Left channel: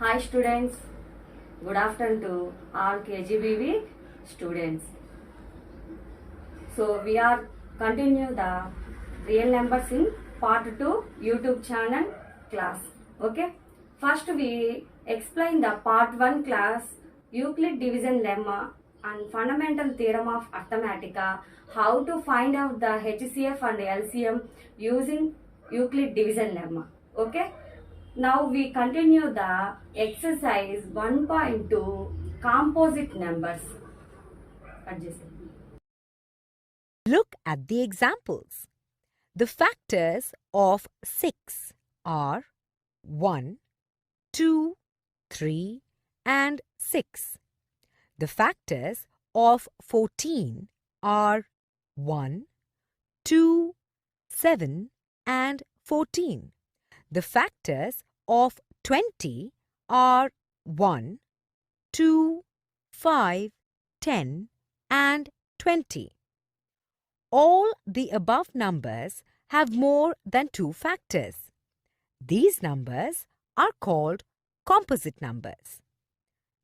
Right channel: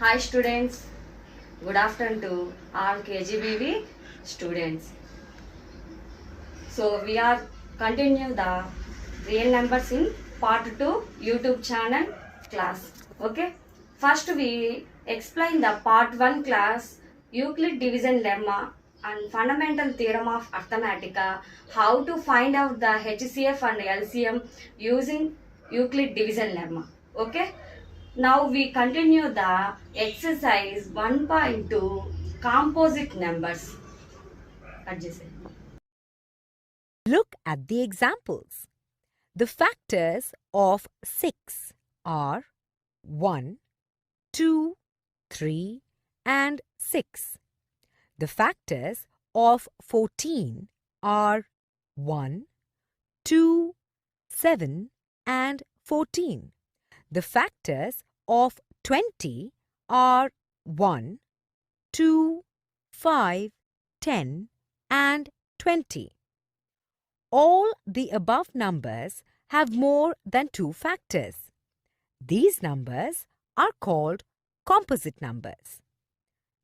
Hi students, good afternoon to all KGBV students. So we are continue the real numbers in part 2 YouTube channel class. Okay. First we explain the part 1 class Euclid division lemma and fundamental theorem of arithmetica, how to find out the HCF and LCM using Euclid division lemma. Okay. Now we continue the exercise 1.2 composite numbers. Adjacent. Look at the examples. The factors of 6 are 1, 2, 3 and 6. The factors of 14 are 1, 2, 7 and 14. The factors of 20 are 1, 2, 5, 10 and 20. All the above numbers have more than 2 factors. These numbers are called composite numbers.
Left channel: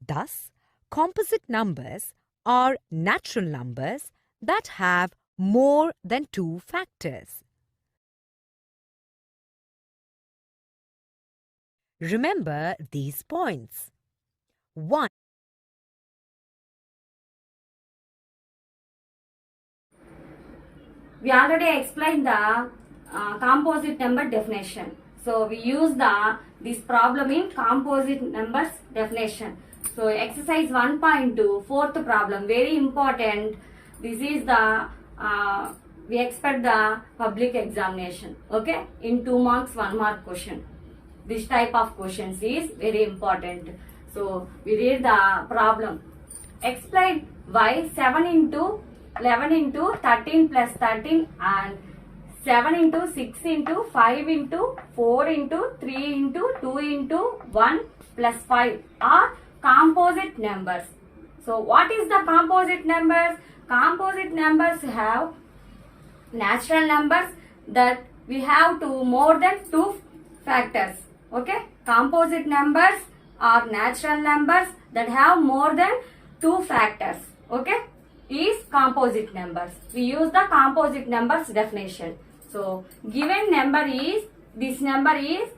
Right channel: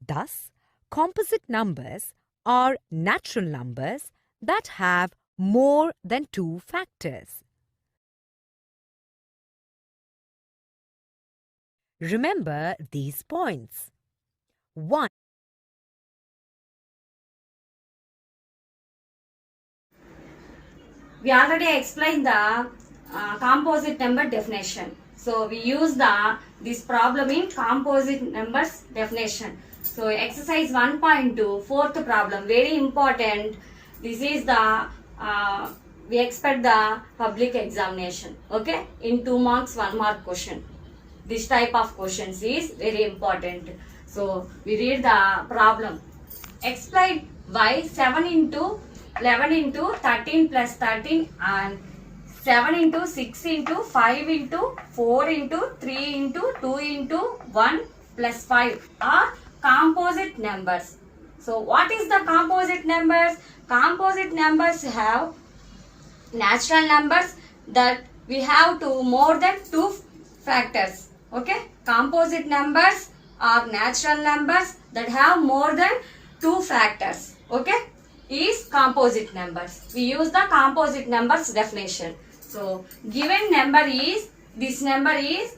Thus, composite numbers are natural numbers that have more than 2 factors. Remember these points. 1. We already explained the composite number definition. So we use this problem in composite numbers definition. So exercise 1.2 fourth problem, very important. This is the we expect the public examination. Okay, in 2 marks 1 mark question. This type of questions is very important. So we read the problem. Explain why 7 into 11 into 13 plus 13 and 7 into 6 into 5 into 4 into 3 into 2 into 1 plus 5 are composite numbers. So what is the composite numbers? Composite numbers have natural numbers that we have to more than 2 factors. Okay, composite numbers are natural numbers that have more than 2 factors. Okay, is composite numbers. We use the composite numbers definition. So given number is, this number is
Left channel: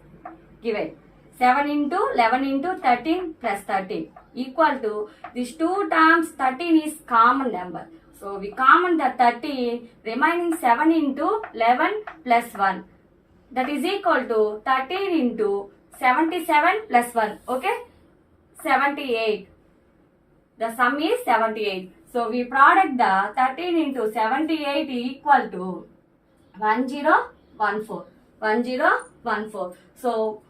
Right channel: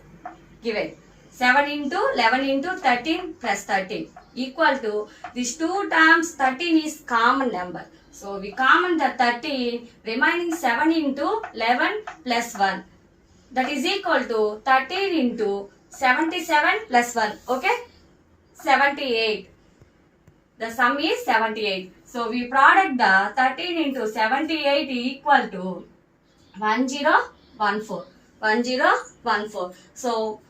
given 7 into 11 into 13 plus 13 equal to these 2 terms. 13 is common number. So we common the 13, remaining 7 into 11 plus 1. That is equal to 13 into 77 plus 1. Okay, 78. The sum is 78. So we product the 13 into 78 equal to 1014. 1014. So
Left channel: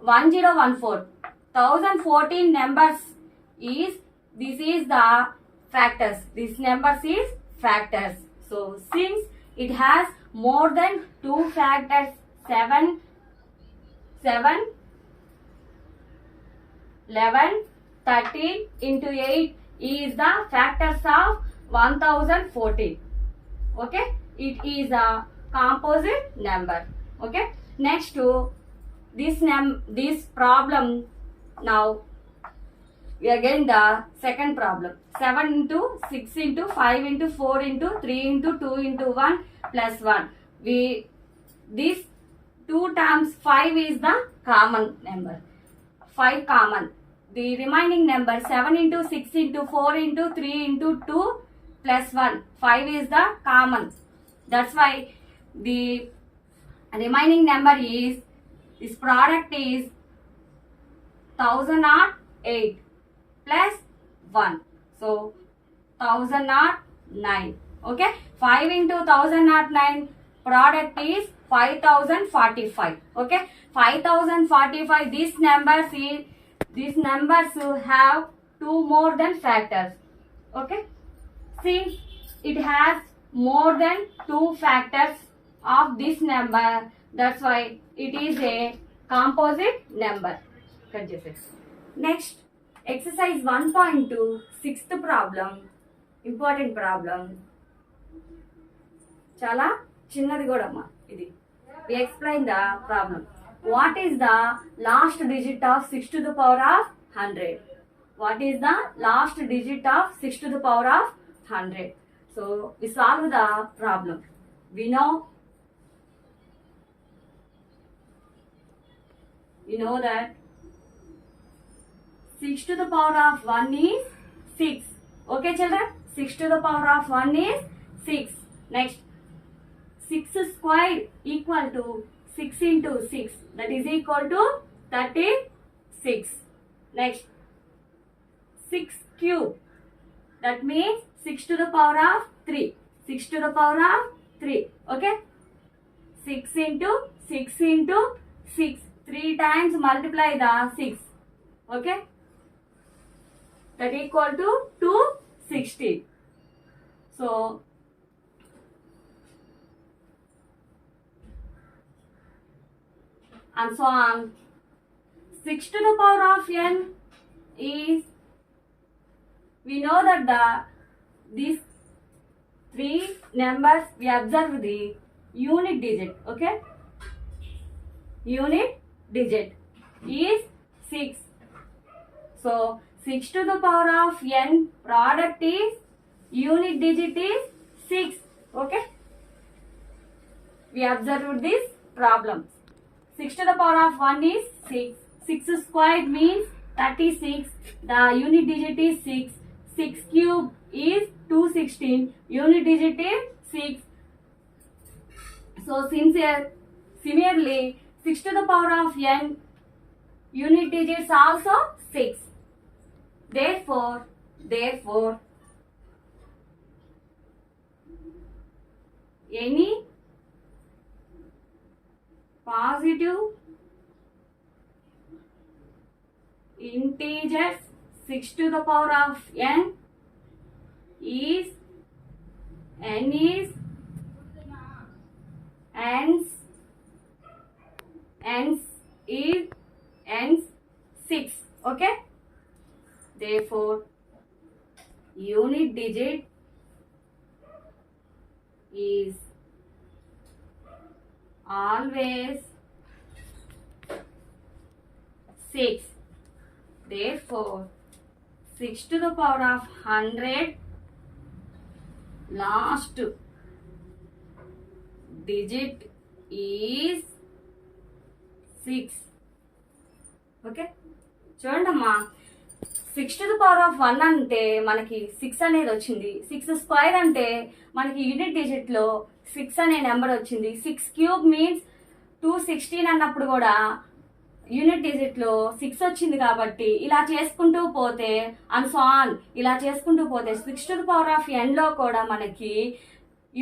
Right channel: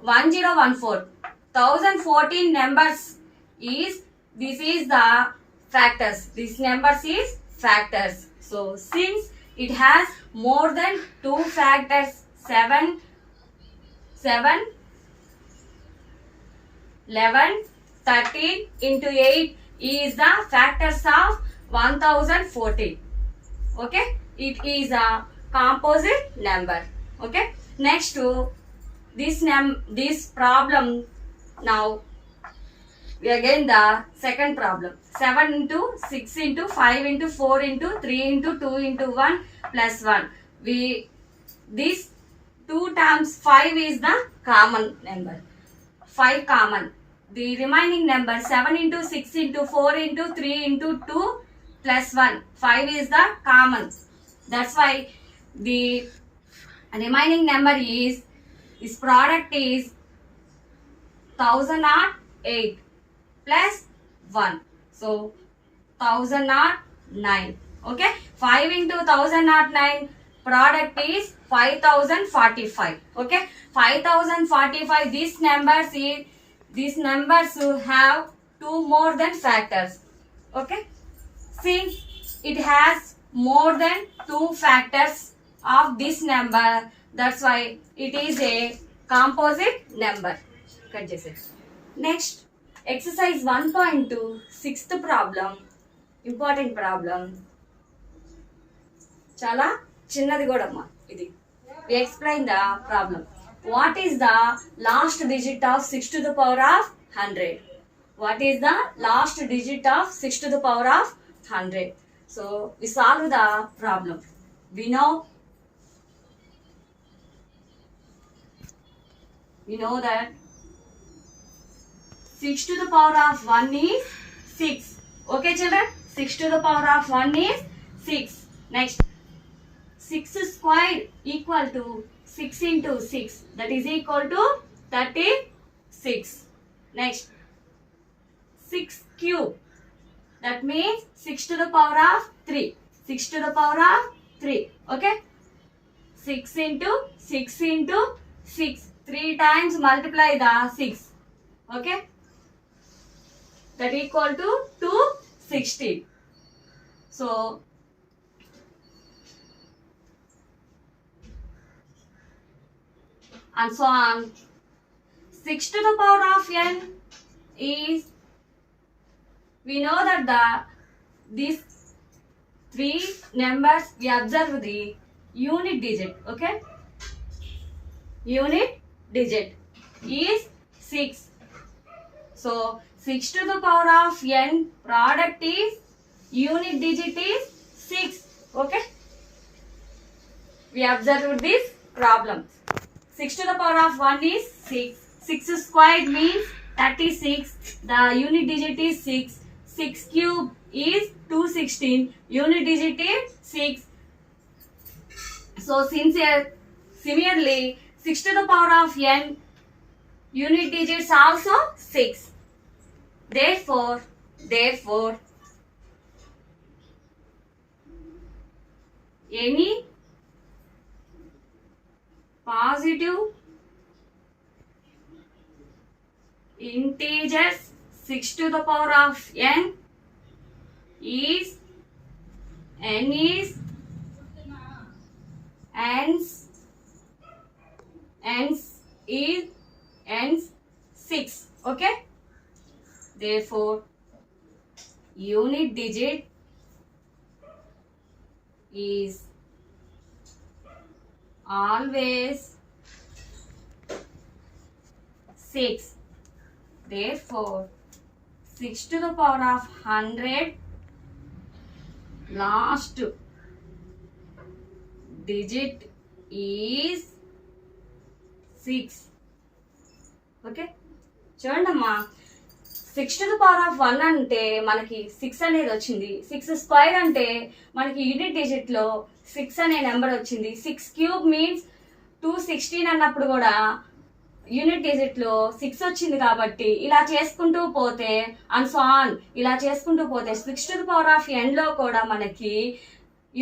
1014. 1014 numbers is, this is the factors. This numbers is factors. So since it has more than 2 factors, 7, 11, 13 into 8 is the factors of 1014. Okay, it is a composite number. Okay, next to this problem. Now we again the second problem. 7 into 6 into 5 into 4 into 3 into 2 into 1 plus 1. We this 2 times 5 is the common number. 5 common. The remaining number 7 into 6 into 4 into 3 into 2 plus 1. 5 is the common. That's why the remaining number is, this product is 1008 plus 1. So 1009. Okay. 5 into 1009 product is 5045. Okay. 5045. These numbers have 2 more than factors. Okay. Since it has more than 2 factors of this number, that's why it is a composite number. Next, exercise 1.2 sixth problem, important problem. Chala chinnadi godamma idi. We explain the problem. what is the last digit of 6 to the power of 100? What is the last digit of 6 to the power of 100? So we solve the problem. We know that 6 to the power of 1 is 6. Okay children? 6 to the power of 1 is 6. Next, 6 squared equal to 6 into 6. That is equal to 36. Next, 6 cube. That means 6 to the power of 3. 6 to the power of 3. Okay? 6 into 6 into 6. 3 times multiply the 6. Okay? That equal to 260. So, and so on. 6 to the power of n is, we know that these three numbers, we observe the unit digit. Okay? Unit digit is 6. So 6 to the power of n product is, unit digit is 6. Okay? We observed this problem. 6 to the power of 1 is 6. 6 squared means 36. The unit digit is 6. 6 cube is 216. Unit digit is 6. So similarly, 6 to the power of n, unit digits also 6. Therefore, any positive integers 6 to the power of n is n 6. Okay? Therefore, unit digit is always 6. Therefore, 6 to the power of 100, last digit is 6. ఓకే చూడండి అమ్మా, 6 to the power of 1 అంటే మనకి 6 అనేది వచ్చింది. 6 స్క్వేర్ అంటే మనకి unit digit లో 6 అనే నెంబర్ వచ్చింది. 6 క్యూబ్ మీన్స్ 216 అన్నప్పుడు కూడా యూనిట్ డిజిట్ లో 6 వచ్చింది. కాబట్టి ఇలా చేసుకుంటూ పోతే అండ్ సో ఆన్, ఇలా చేసుకుంటూ పోతే 6 to the power of n లో కూడా మనకి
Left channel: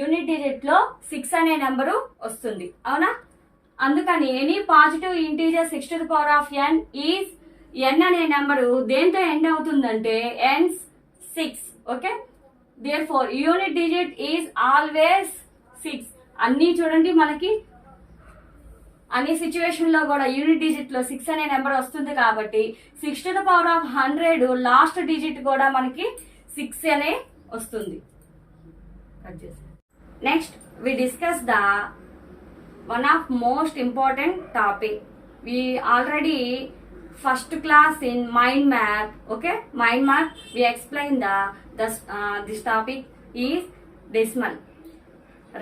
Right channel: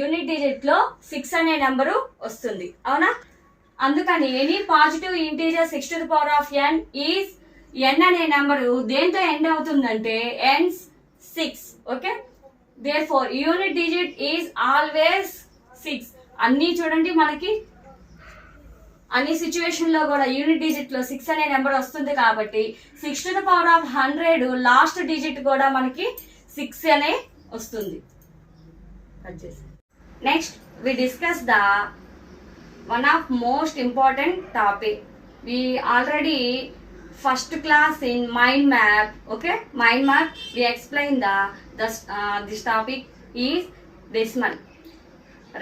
యూనిట్ డిజిట్ లో 6 అనే నెంబరు వస్తుంది. అవునా? అందుకని any positive integer 6 to the power of n is, n అనే నెంబరు దేంతో ఎండ్ అవుతుందంటే ends 6. Okay? Therefore unit digit is always 6. అన్నీ చూడండి, మనకి అన్ని సిచ్యువేషన్ లో కూడా యూనిట్ డిజిట్ లో 6 అనే నెంబర్ వస్తుంది. కాబట్టి 6 to the power of 100 last digit కూడా మనకి 6 అనే వస్తుంది. Next we discuss the one of most important topic. We already first class in mind map. Okay, mind map we explain this topic is decimal,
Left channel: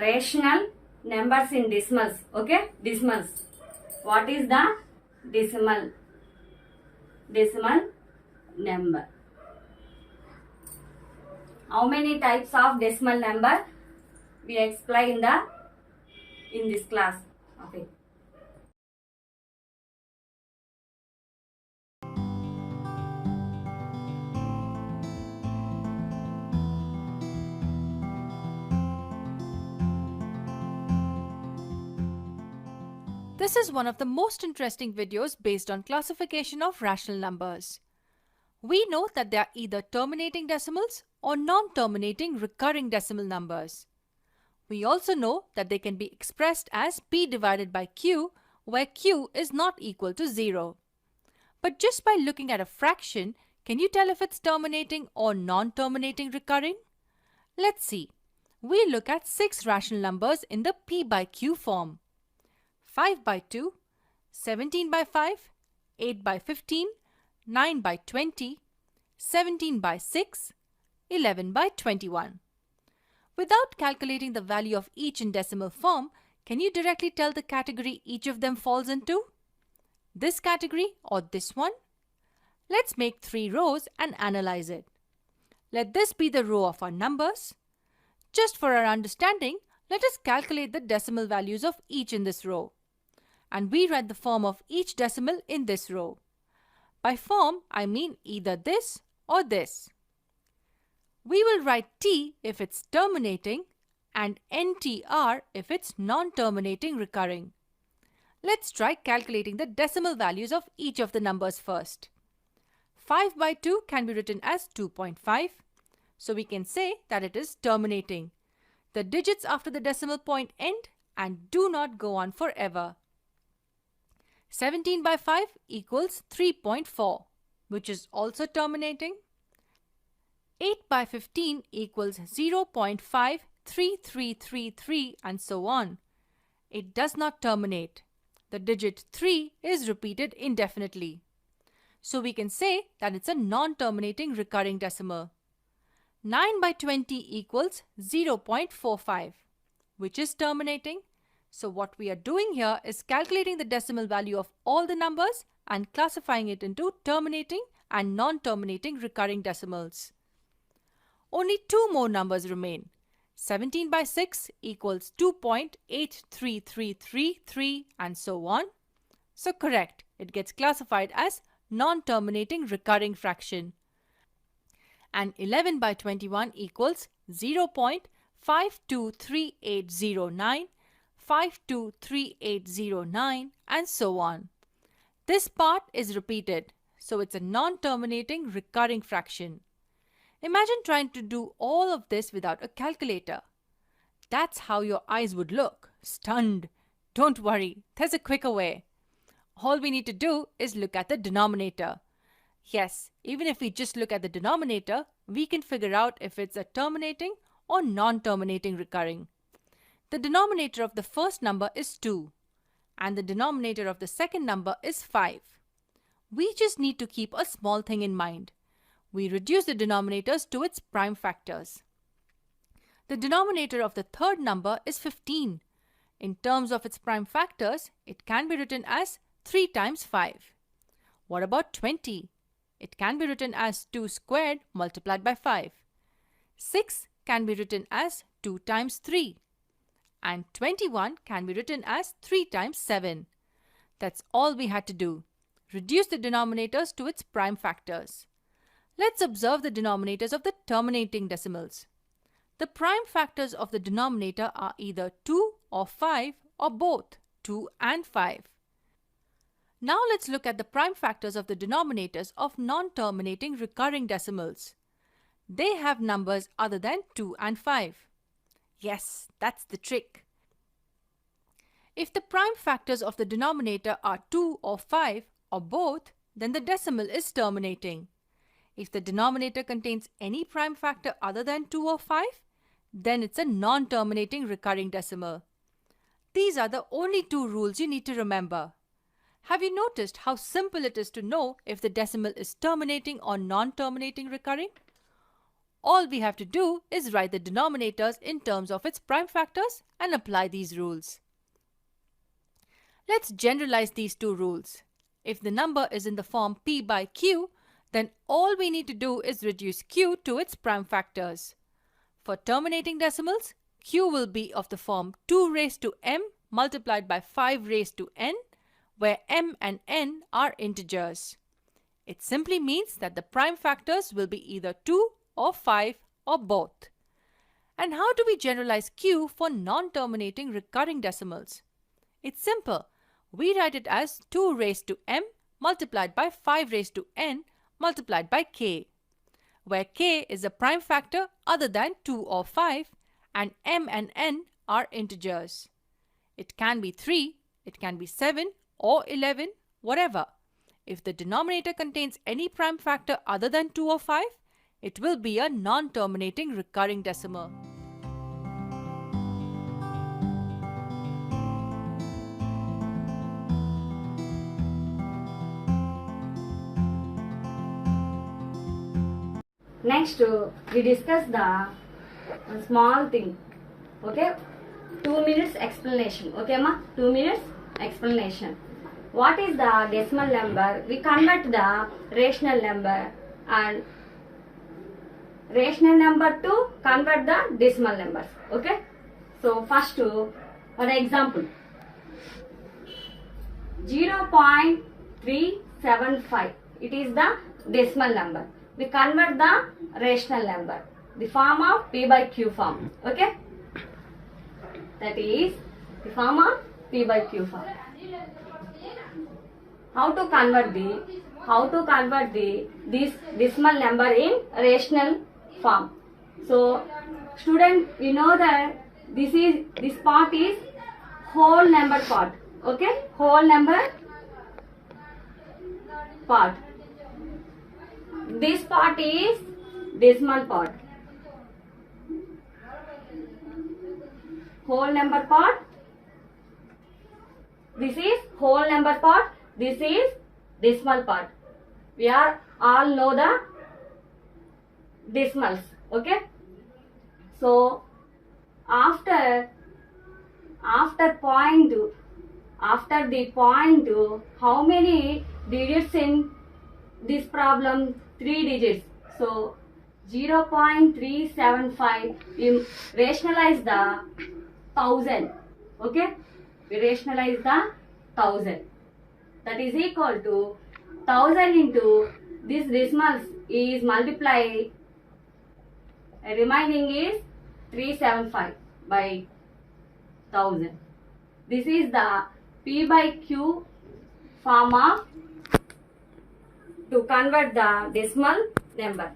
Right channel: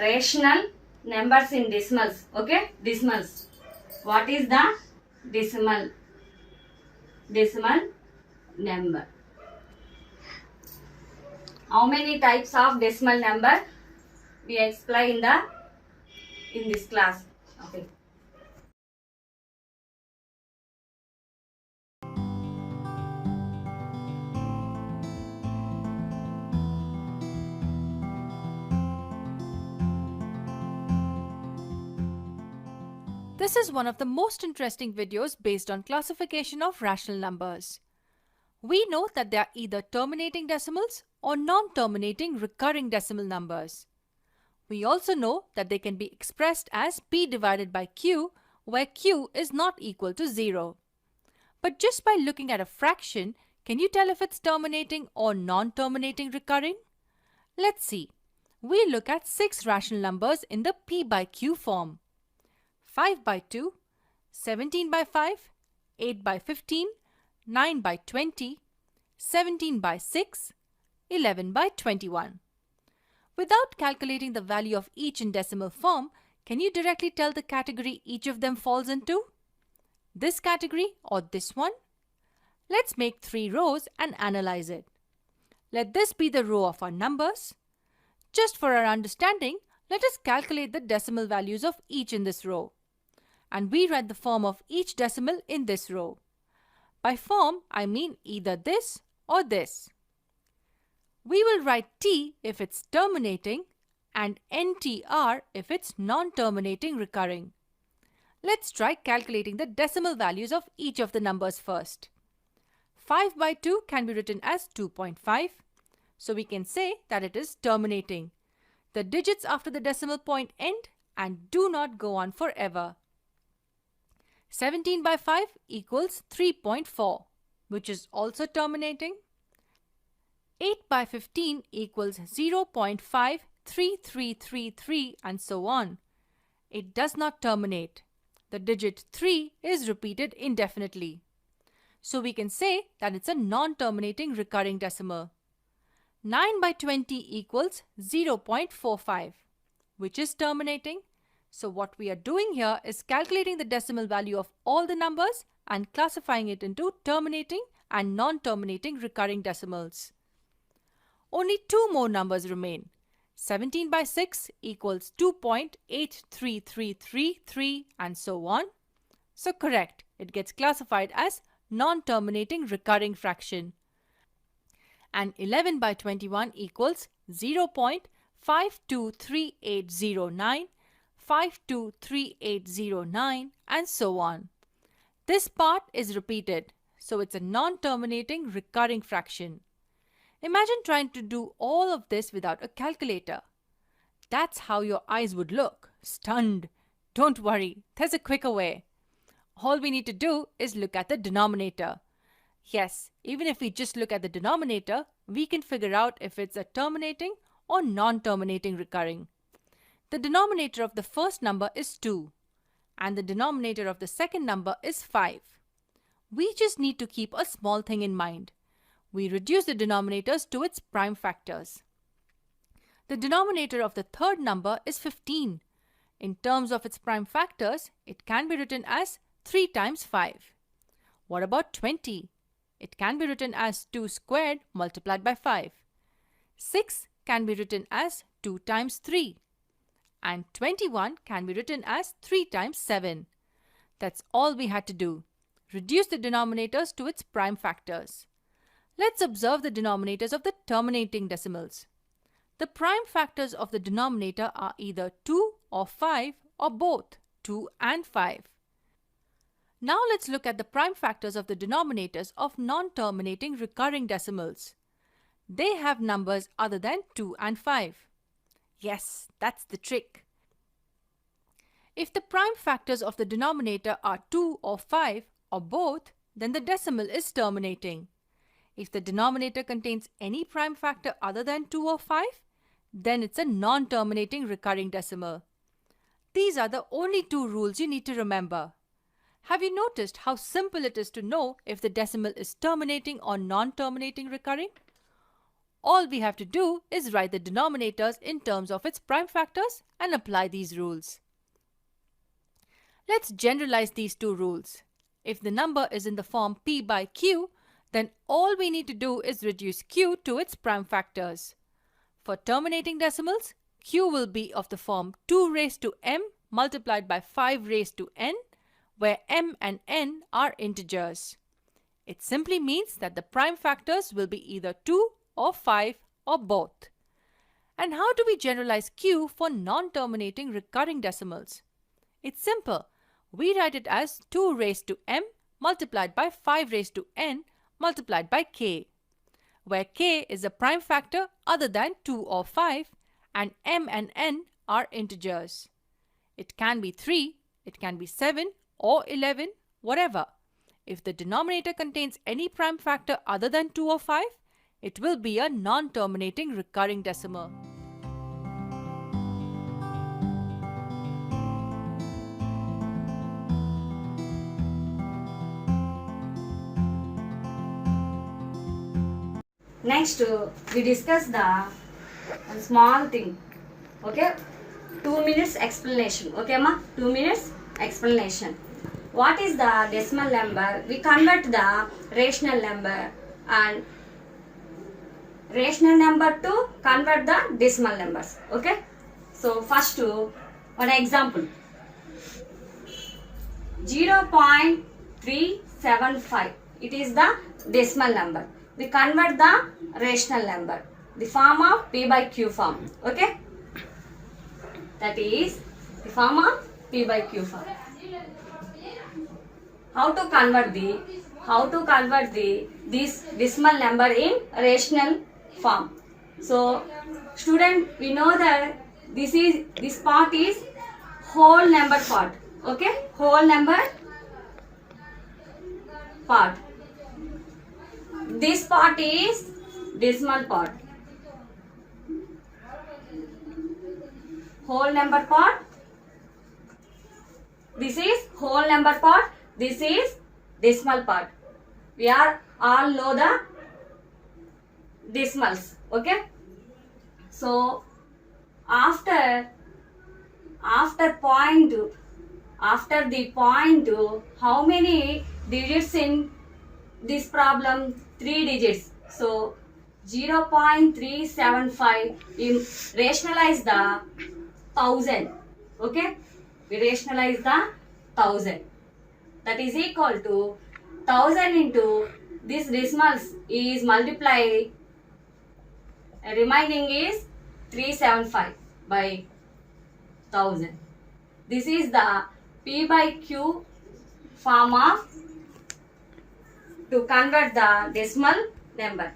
rational numbers in decimals. Okay, decimals. What is the decimal number? How many types of decimal number we explain in this class. Okay. This is one of the most interesting videos based on classification of rational numbers. We know that they are either terminating decimals or non-terminating recurring decimal numbers. We also know that they can be expressed as p divided by q, where q is not equal to 0. But just by looking at a fraction, can you tell if it's terminating or non-terminating recurring? Let's see. We look at 6 rational numbers in the p by q form. 5 by 2, 17 by 5, 8 by 15, 9 by 20, 17 by 6, 11 by 21. Without calculating the value of each in decimal form, can you directly tell the category each of them falls into? This category or this one? Let's make 3 rows and analyze it. Let this be the row of our numbers. Just for our understanding, let us calculate the decimal values of each in this row. And we write the form of each decimal in this row. By form, I mean either this or this. We will write T if it's terminating and NTR if it's non-terminating recurring. Let's try calculating the decimal values of each of the numbers first. 5 by 2 can be written as 2.5, so we can say that it is terminating. The digits after the decimal point end and do not go on forever. 17 by 5 equals 3.4, which is also terminating. 8 by 15 equals 0.53333 and so on. It does not terminate. The digit 3 is repeated indefinitely. So we can say that it's a non-terminating recurring decimal. 9 by 20 equals 0.45, which is terminating. So what we are doing here is calculating the decimal value of all the numbers and classifying it into terminating and non-terminating recurring decimals. Only 2 more numbers remain. 17 by 6 equals 2.83333 and so on. So correct, it gets classified as non-terminating recurring fraction. And 11 by 21 equals 0.523809, 523809 and so on. This part is repeated, so it's a non-terminating recurring fraction. Imagine trying to do all of this without a calculator. That's how your eyes would look, stunned. Don't worry, there's a quicker way. All we need to do is look at the denominator. Yes, even if we just look at the denominator, we can figure out if it's a terminating or non-terminating recurring. The denominator of the first number is 2 and the denominator of the second number is 5. We just need to keep a small thing in mind. We reduce the denominators to its prime factors. The denominator of the third number is 15. In terms of its prime factors, it can be written as 3 times 5. What about 20? It can be written as 2 squared multiplied by 5. 6 can be written as 2 times 3. And 21 can be written as 3 times 7. That's all we had to do. Reduce the denominators to its prime factors. Let's observe the denominators of the terminating decimals. The prime factors of the denominator are either 2 or 5 or both 2 and 5. Now let's look at the prime factors of the denominators of non-terminating recurring decimals. They have numbers other than 2 and 5. Yes, that's the trick. If the prime factors of the denominator are 2 or 5 or both, then the decimal is terminating. If the denominator contains any prime factor other than 2 or 5, then it's a non-terminating recurring decimal. These are the only 2 rules you need to remember. Have you noticed how simple it is to know if the decimal is terminating or non-terminating recurring? All we have to do is write the denominators in terms of its prime factors and apply these rules. Let's generalize these 2 rules. If the number is in the form p by q, then all we need to do is reduce q to its prime factors. For terminating decimals, q will be of the form 2 raised to m multiplied by 5 raised to n, where m and n are integers. It simply means that the prime factors will be either 2 or 5 or both. And how do we generalize q for non-terminating recurring decimals? It's simple. We write it as 2 raised to m multiplied by 5 raised to n multiplied by k, where k is a prime factor other than 2 or 5 and m and n are integers. It can be 3, it can be 7 or 11, whatever. If the denominator contains any prime factor other than 2 or 5, it will be a non-terminating recurring decimal. Next, we discuss the small thing. Okay, 2 minutes explanation. Okay, ma, 2 minutes explanation. What is the decimal number? We convert the rational number and rational number to convert the decimal numbers. Okay, so first one example, 0.375. It is the decimal number. We convert the rational number, the form of P by Q form. Okay, that is the form of P by Q form. How to convert this decimal number in rational form? So student, we know that this part is whole number part. Okay, whole number part. This part is decimal part. Whole number part. This is whole number part. This is decimal part. We are all know the decimals. Okay. So after the point, how many digits in this problem? 3 digits. So 0.375. You rationalize the 1000. Okay, we rationalize the 1000. That is equal to 1000 into this decimals is multiply. Remaining is 375 by 1000. This is the P by Q form of to convert the decimal number.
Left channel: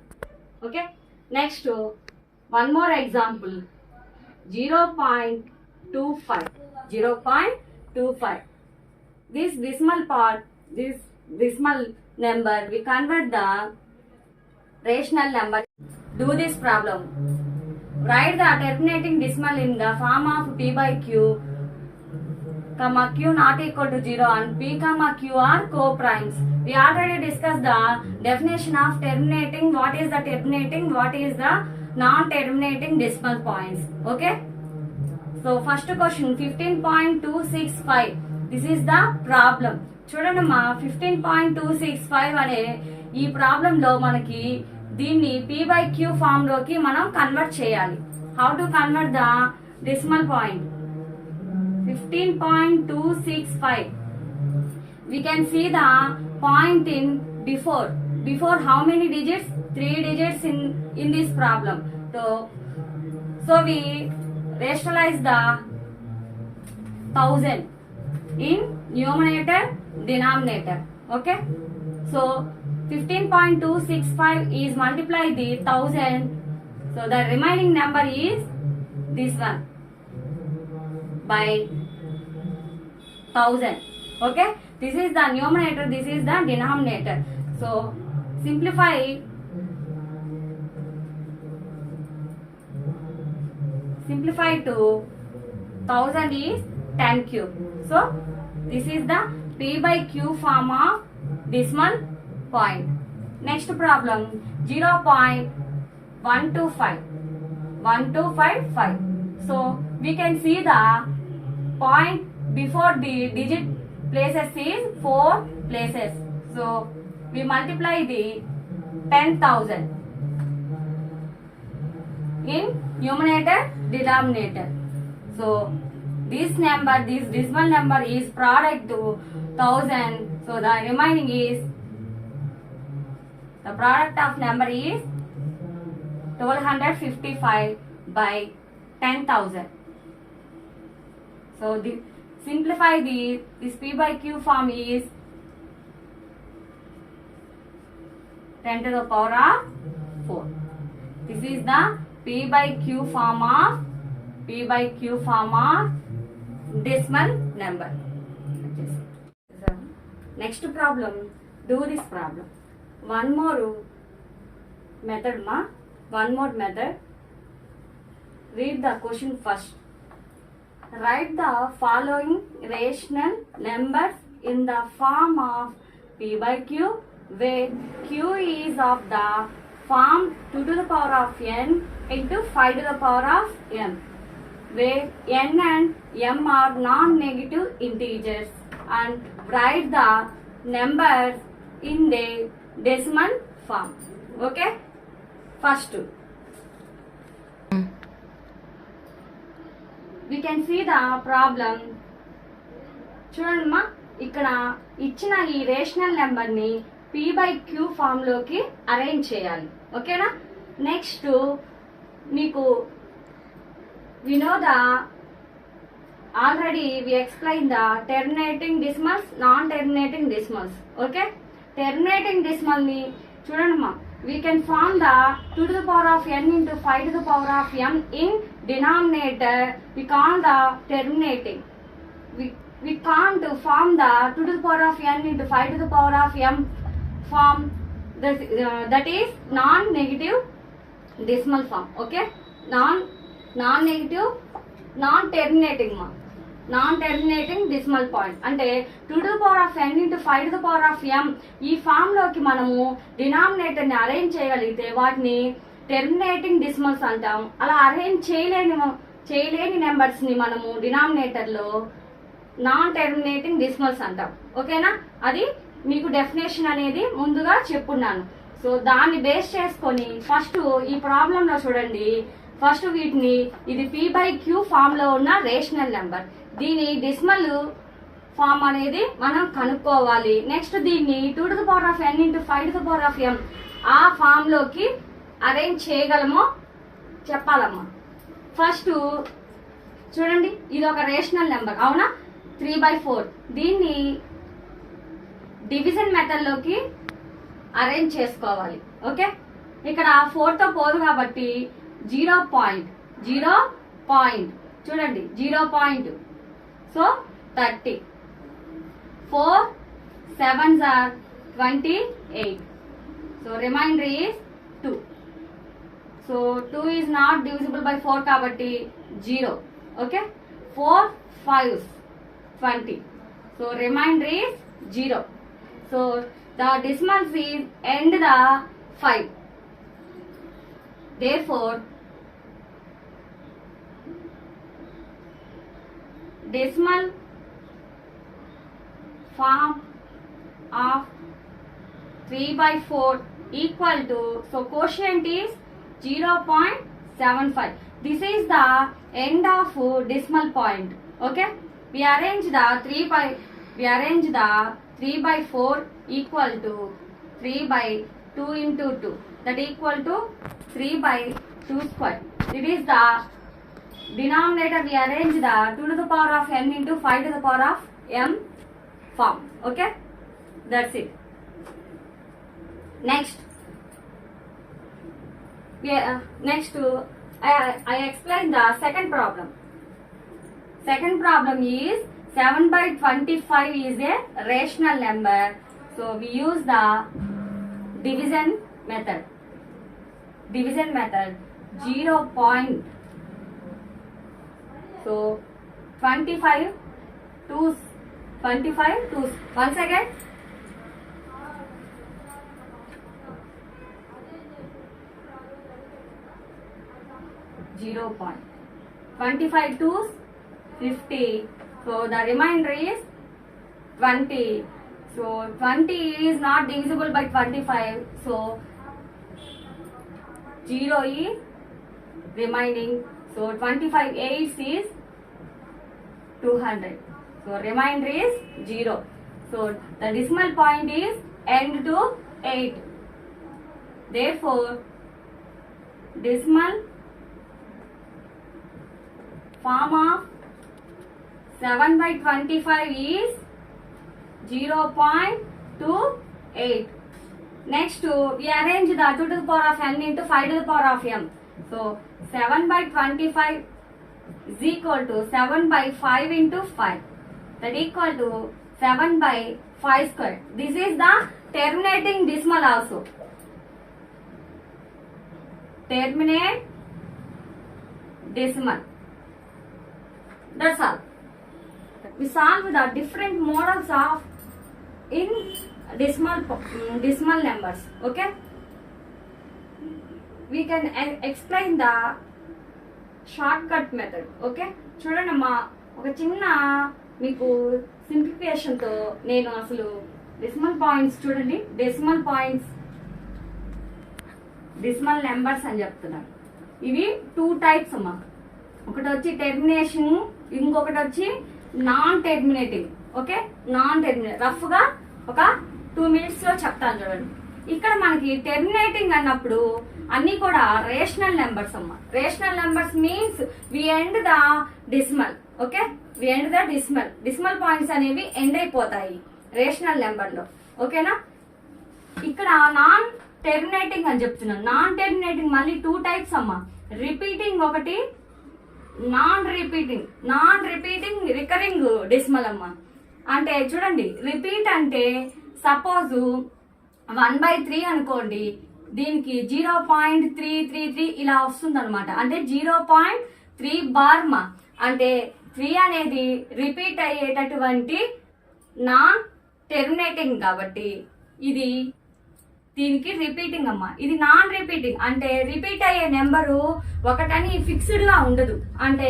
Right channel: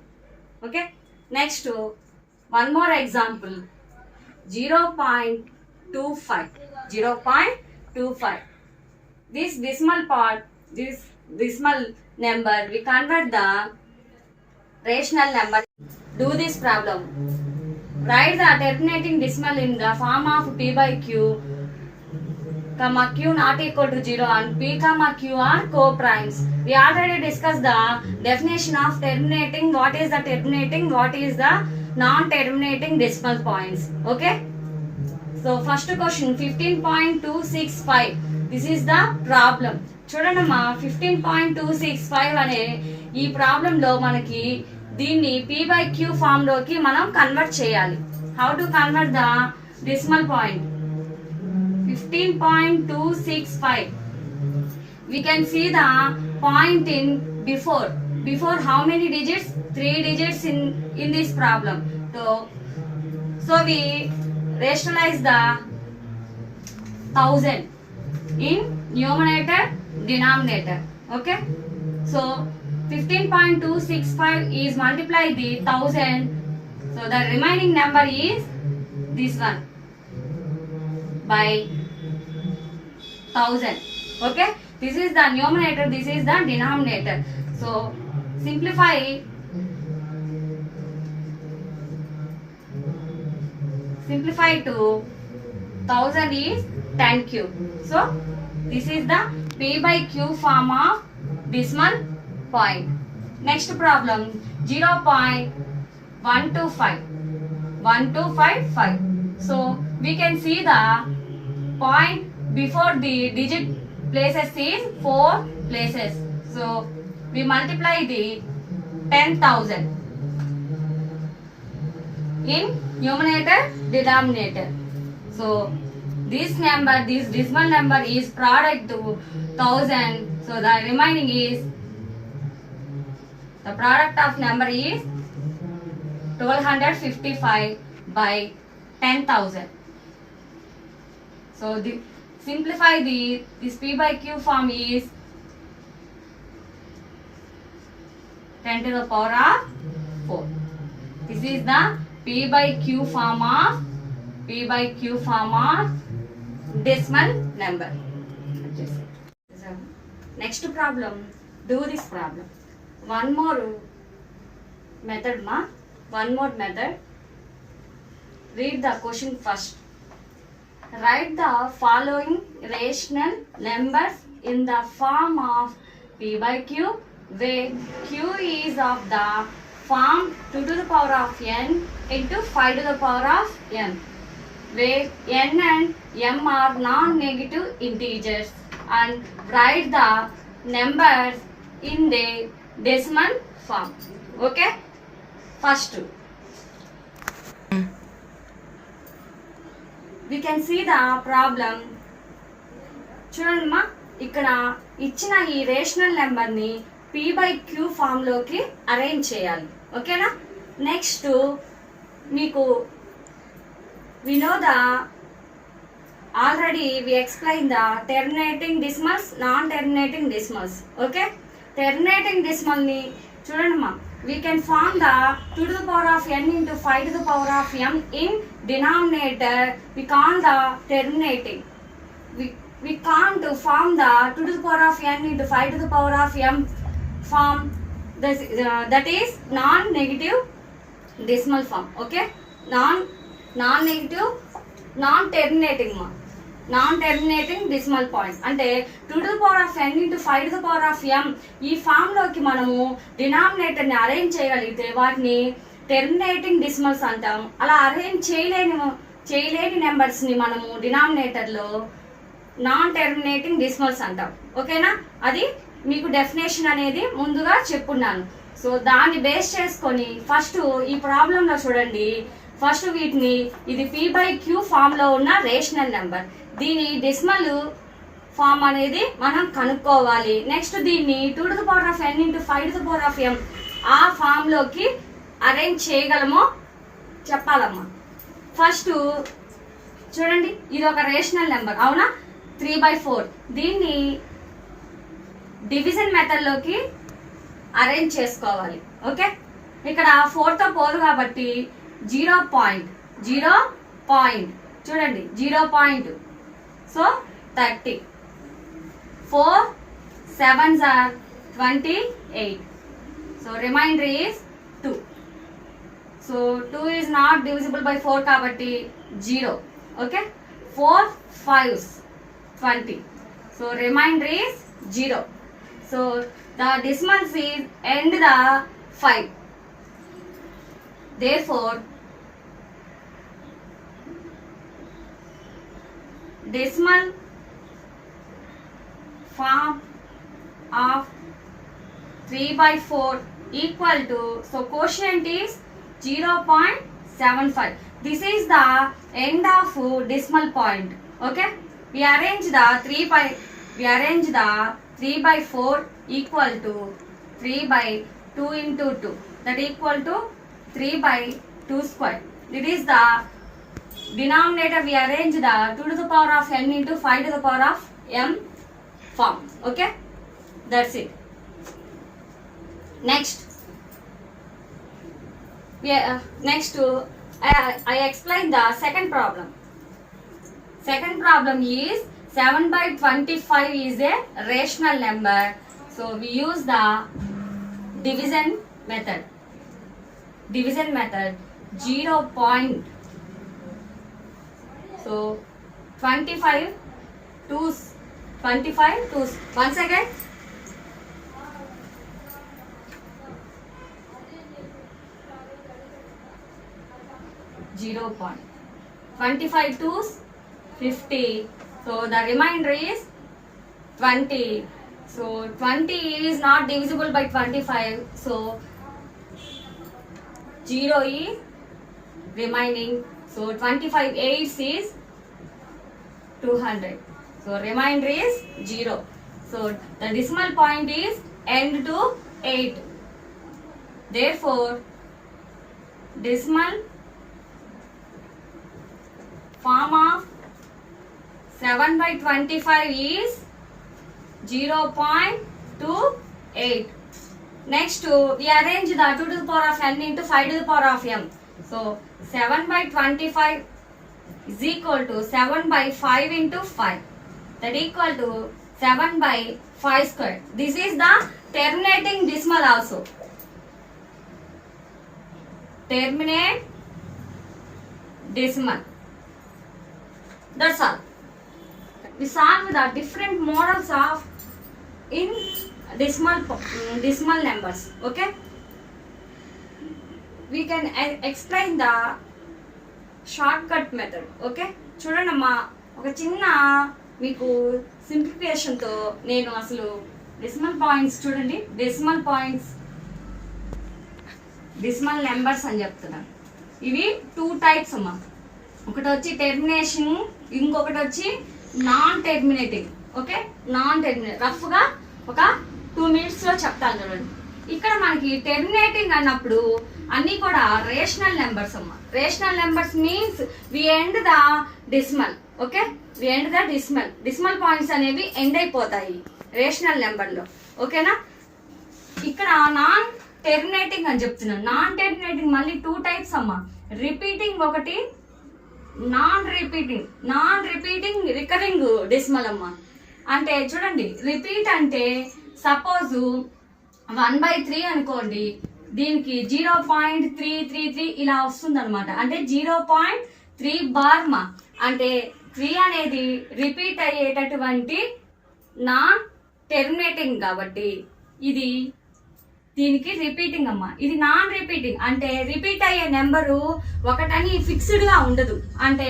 Okay. Next, one more example, 0.25. 0.25. This decimal part, this decimal number, we convert the rational number. Do this problem. Write the terminating decimal in the form of P by Q, comma Q not equal to 0 and P comma Q are co-primes. We already discussed the definition of terminating. What is the terminating? What is the non-terminating decimal points? Okay. So first question, 15.265. This is the problem. చూడండమ్మా 15.265 అనే ఈ ప్రాబ్లంలో మనకి దీన్ని P by Q form లోకి మనం కన్వర్ట్ చేయాలి. How to convert the decimal point? 15.265. We can see the point in before how many digits? 3 digits in this problem. So we rationalize the 1000 in numerator denominator. Okay, so 15.265 is multiply the 1000, so the remaining number is this one by 1000. Okay, this is the numerator, this is the denominator. So simplify to 1000 is 10 cube. So this is the P by Q form of decimal point. Next problem, 0.1255. So we can see the point before the digit places is 4 places. So we multiply the 10,000 in numerator denominator. So this number, this decimal number is product to 1000. So the remaining is, the product of number is 1255 by 10,000. So simplify this P by Q form is 10 to the power of 4. This is the P by Q form of decimal number. Next problem, do this problem. One more method. Read the question first. Write the following rational numbers in the form of P by Q, where Q is of the form 2 to the power of n into 5 to the power of m, where n and m are non-negative integers, and write the numbers in the decimal form. Okay, first we can see the problem. చూడండిమా, ఇక్కడ ఇచ్చిన ఈ రేషనల్ నెంబర్ని p/q ఫామ్లోకి అరేంజ్ చేయాలి. ఓకేనా? నెక్స్ట్ మీకు we know the already we explained the terminating decimals, non-terminating decimals. Okay, terminating decimal ni చూడండిమా, we can form the 2 to the power of n into 5 to the power of m in denominator. We can't the terminating, we can't form the 2 to the power of n into 5 to the power of m form. This, that is non-negative decimal form. Okay, non-negative, non-terminating ma, non-terminating decimal point అంటే 2 to the power of n into 5 to the power of m ఈ ఫామ్ లోకి మనము డినామినేటర్ ని అరేంజ్ చేయగలిగితే వాటిని terminating decimals అంటాం. అలా అరేంజ్ చేయలేని నెంబర్స్ ని మనము డినామినేటర్ లో నాన్ టెర్మినేటింగ్ డెసిమల్స్ అంటాం. ఓకేనా? అది మీకు డెఫినేషన్ అనేది ముందుగా చెప్పున్నాను. సో దాన్ని బేస్ చేసుకొని ఫస్ట్ ఈ ప్రాబ్లంలో చూడండి, ఫస్ట్ వీటిని ఇది p/q ఫామ్ లో ఉన్న రేషనల్ నెంబర్, దీని డెసిమల్ ఫామ్ అనేది మనం కనుక్కోవాలి. నెక్స్ట్ దీన్ని 2 to the power of n into 5 to the power of m ఆ ఫామ్ లోకి అరేంజ్ చేయగలమో చెప్పాలమ్మా. ఫస్ట్ చూడండి, ఇది ఒక రేషనల్ నెంబర్ అవునా, 3/4. దీన్ని డివిజన్ మెథడ్ లోకి అరేంజ్ చేసుకోవాలి. ఓకే, ఇక్కడ 4 తో పోదు కాబట్టి 0 పాయింట్ చూడండి, 0 point. So 30, 4 7s are 28. So remainder is 2. So 2 is not divisible by 4 kabatti 0. Okay, 4 5s 20. So remainder is 0. So the decimals is end the 5. Therefore decimal form of 3/4 equal to, so quotient is 0.75. This is the end of decimal point. Okay, we arrange the 3/4 equal to 3/2 into 2, that equal to 3/2 square. It is the denominator, we arrange the 2 to the power of n into 5 to the power of m form. Okay, that's it. Next I explain the second problem. Second problem is 7/25 is a rational number, so we use the division method. 0 point. So 25 twos, once again 0 point. 25 twos 50. So the remainder is 20. So 20 is not divisible by 25. So 0 is remaining. So 25 8s is 200. So remainder is 0. So the decimal point is end to 8. Therefore decimal form of 7/25 is 0.28. Next we arrange the 2 to the power of n into 5 to the power of m. So 7/25 is equal to 7/5 into 5, that equal to 7/5 square. This is the terminating decimal also. Terminate decimal. That's all. We solve the different models of in decimal numbers. Okay. We can explain the short cut method. Okay, చూడండి అమ్మా, ఒక చిన్న మీకు సింప్లిఫికేషన్తో నేను అసలు decimal points చూడండి, decimal points, decimal numbers అని చెప్తున్నాను. ఇవి 2 టైప్స్ అమ్మా. ఒకటి వచ్చి టెర్మినేషన్, ఇంకొకటి వచ్చి non terminating. Okay, non terminate రఫ్గా ఒక 2 minutesలో చెప్తాను చూడండి. ఇక్కడ మనకి టెర్మినేటింగ్ అన్నప్పుడు అన్నీ కూడా రేషనల్ నెంబర్స్ అమ్మా. Rational numbers means we end the decimal. Okay, we end the decimal. Decimal points అనేవి ఎండ్ అయిపోతాయి రేషనల్ నెంబర్లో. ఓకేనా, ఇక్కడ నాన్ టెర్మినేటింగ్ అని చెప్తున్నాను. నాన్ టెర్మినేటింగ్ మళ్ళీ 2 టైప్స్ అమ్మా. రిపీటింగ్ ఒకటి, నాన్ రిపీటింగ్ రికరింగ్ డెసిమల్ అమ్మా. అంటే చూడండి, రిపీట్ అంటే సపోజ్ 1/3 అనుకోండి, దీనికి 0.333 ఇలా వస్తుంది అనమాట. అంటే 0.3 బార్ మా. అంటే 3 అనేది రిపీట్ అయ్యేటటువంటి నాన్ టెర్మినేటింగ్ కాబట్టి ఇది దీనికి రిపీటింగ్ అమ్మా. ఇది నాన్ రిపీటింగ్ అంటే రిపీట్ అయ్యే నెంబరు ఒకటని ఫిక్స్డ్ గా ఉండదు. అంటే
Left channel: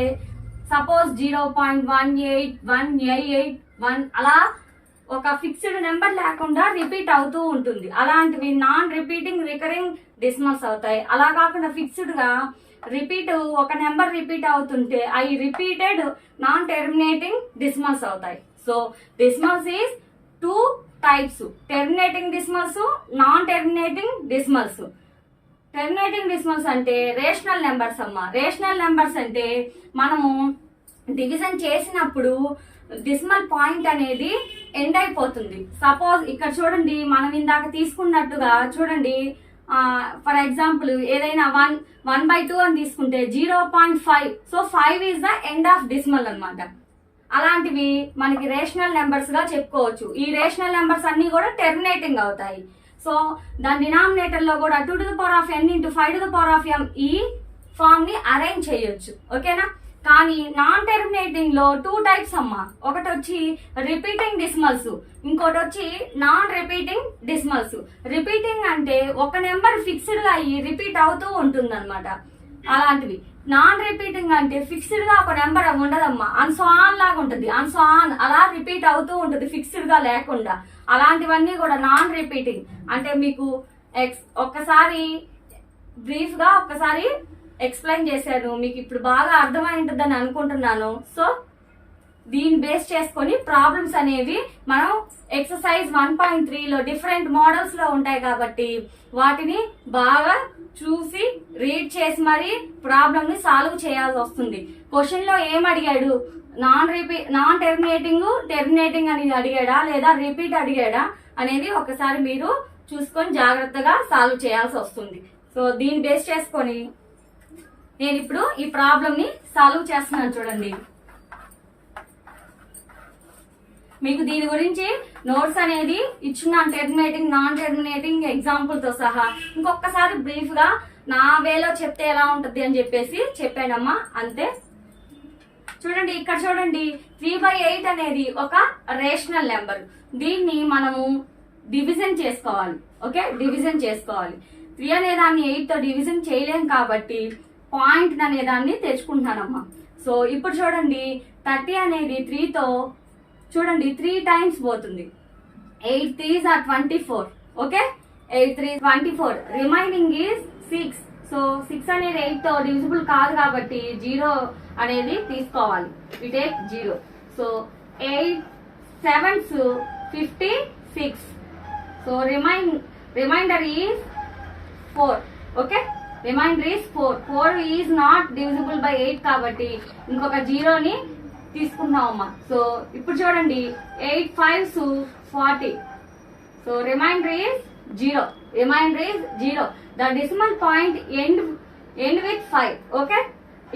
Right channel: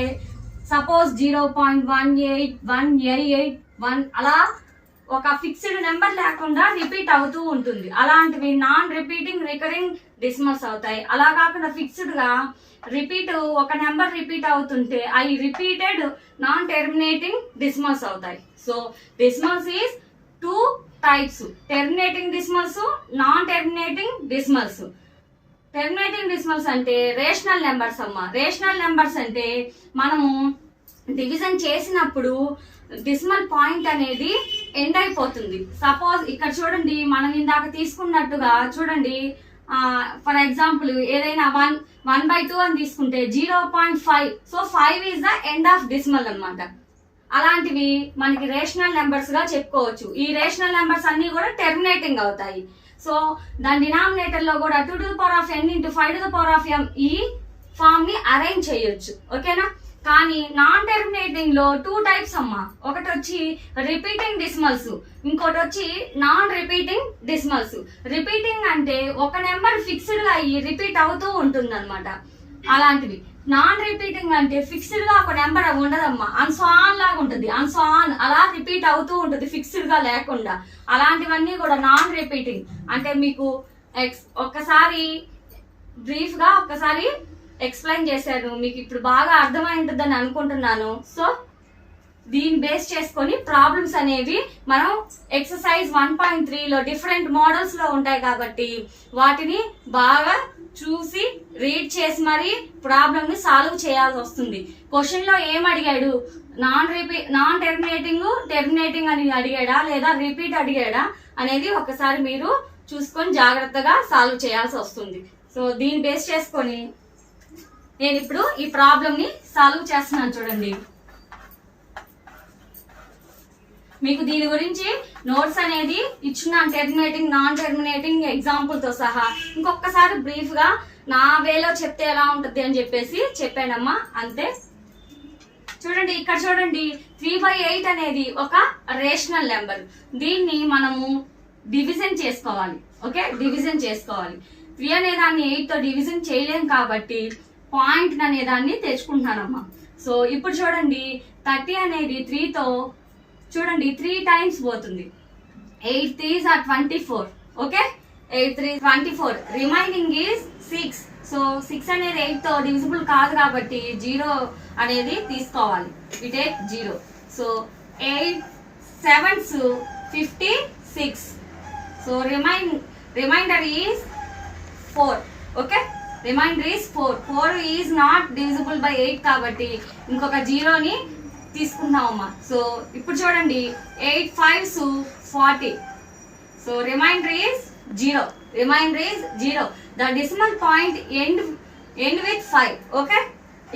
సపోజ్ 0.18188 అలా ఒక ఫిక్స్డ్ నెంబర్ లేకుండా రిపీట్ అవుతూ ఉంటుంది. అలాంటివి నాన్ రిపీటింగ్ రికరింగ్ డెసిమల్స్ అవుతాయి. అలా కాకుండా ఫిక్స్డ్ గా రిపీట్ ఒక నెంబర్ రిపీట్ అవుతుంటే అవి రిపీటెడ్ నాన్ టెర్మినేటింగ్ డెసిమల్స్ అవుతాయి. So decimals is 2 types, terminating decimals, non terminating decimals. Terminating decimals అంటే రేషనల్ నెంబర్స్ అమ్మా. రేషనల్ నెంబర్స్ అంటే మనము డివిజన్ చేసినప్పుడు డెసిమల్ పాయింట్ అనేది ఎండ్ అయిపోతుంది. సపోజ్ ఇక్కడ చూడండి, మనం ఇందాక తీసుకున్నట్టుగా చూడండి, ఫర్ ఎగ్జాంపుల్ ఏదైనా 1/2 అని తీసుకుంటే 0.5. సో 5 is the end of decimal అన్నమాట. అలాంటివి మనకి రేషనల్ నెంబర్స్ గా చెప్పుకోవచ్చు. ఈ రేషనల్ నెంబర్స్ అన్ని కూడా టెర్మినేటింగ్ అవుతాయి. సో దాని డినామినేటర్ లో కూడా 2n × 5m ఈ ఫామ్ ని అరేంజ్ చేయొచ్చు. ఓకేనా, కానీ నాన్ టెర్మినేటింగ్ లో 2 టైప్స్ అమ్మా. ఒకటి వచ్చి రిపీటింగ్ డెసిమల్స్, ఇంకోటి వచ్చి నాన్ రిపీటింగ్ డెసిమల్స్. రిపీటింగ్ అంటే ఒక నెంబర్ ఫిక్స్డ్ గా అయ్యి రిపీట్ అవుతూ ఉంటుంది అనమాట. అలాంటివి నాన్ రిపీటింగ్ అంటే ఫిక్స్డ్ గా ఒక నెంబర్ ఉండదమ్మా, అన్సాన్ లాగా ఉంటుంది. అన్సాన్ అలా రిపీట్ అవుతూ ఉంటుంది ఫిక్స్డ్ గా లేకుండా. అలాంటివన్నీ కూడా నాన్ రిపీటింగ్. అంటే మీకు ఒక్కసారి బ్రీఫ్ గా ఒక్కసారి ఎక్స్ప్లెయిన్ చేశాను, మీకు ఇప్పుడు బాగా అర్థమై ఉంటుందని అనుకుంటున్నాను. సో దీన్ని బేస్ చేసుకొని ప్రాబ్లమ్స్ అనేవి మనం ఎక్సర్సైజ్ 1.3లో డిఫరెంట్ మోడల్స్ లో ఉంటాయి కాబట్టి వాటిని బాగా చూసి రీడ్ చేసి మరి ప్రాబ్లమ్ ని సాల్వ్ చేయాల్సి వస్తుంది. క్వశ్చన్ లో ఏం అడిగాడు, నాన్ టెర్మినేటింగ్ అని అడిగాడా లేదా రిపీట్ అడిగాడా అనేది ఒకసారి మీరు చూసుకొని జాగ్రత్తగా సాల్వ్ చేయాల్సి వస్తుంది. సో దీన్ని బేస్ చేసుకొని నేను ఇప్పుడు ఈ ప్రాబ్లమ్ ని సాల్వ్ చేస్తున్నాను. చూడండి, మీకు దీని గురించి నోట్స్ అనేది ఇచ్చున్నాను, టెర్మినేటింగ్ నాన్ టెర్మినేటింగ్ ఎగ్జాంపుల్ తో సహా. ఇంకొకసారి బ్రీఫ్ గా నా వేలో చెప్తే ఎలా ఉంటుంది అని చెప్పేసి చెప్పానమ్మా, అంతే. చూడండి, ఇక్కడ చూడండి, 3/8 అనేది ఒక రేషనల్ నెంబర్. దీన్ని మనము డివిజన్ చేసుకోవాలి. ఓకే, డివిజన్ చేసుకోవాలి. 3 అనే దాన్ని 8 తో డివిజన్ చేయలేం కాబట్టి పాయింట్ అనే దాన్ని తెచ్చుకుంటున్నానమ్మా. సో ఇప్పుడు చూడండి, 30 అనేది 3 తో చూడండి 3 టైమ్స్ పోతుంది. 8 3s are 24. ఓకే, 8 3 24. Remaining is 6. సో 6 అనేది 8 తో డివిజిబుల్ కాదు కాబట్టి 0 అనేది తీసుకోవాలి. We take 0. So 8 7s 56. So reminder is 4. Okay, reminder is 4. 4 is not divisible by 8 కాబట్టి ఇంకొక 0ని తీసుకున్నామమ్మా. సో ఇప్పుడు చూడండి, 8 5s 40. So reminder is 0. Reminder is 0. The decimal point end with 5. Okay,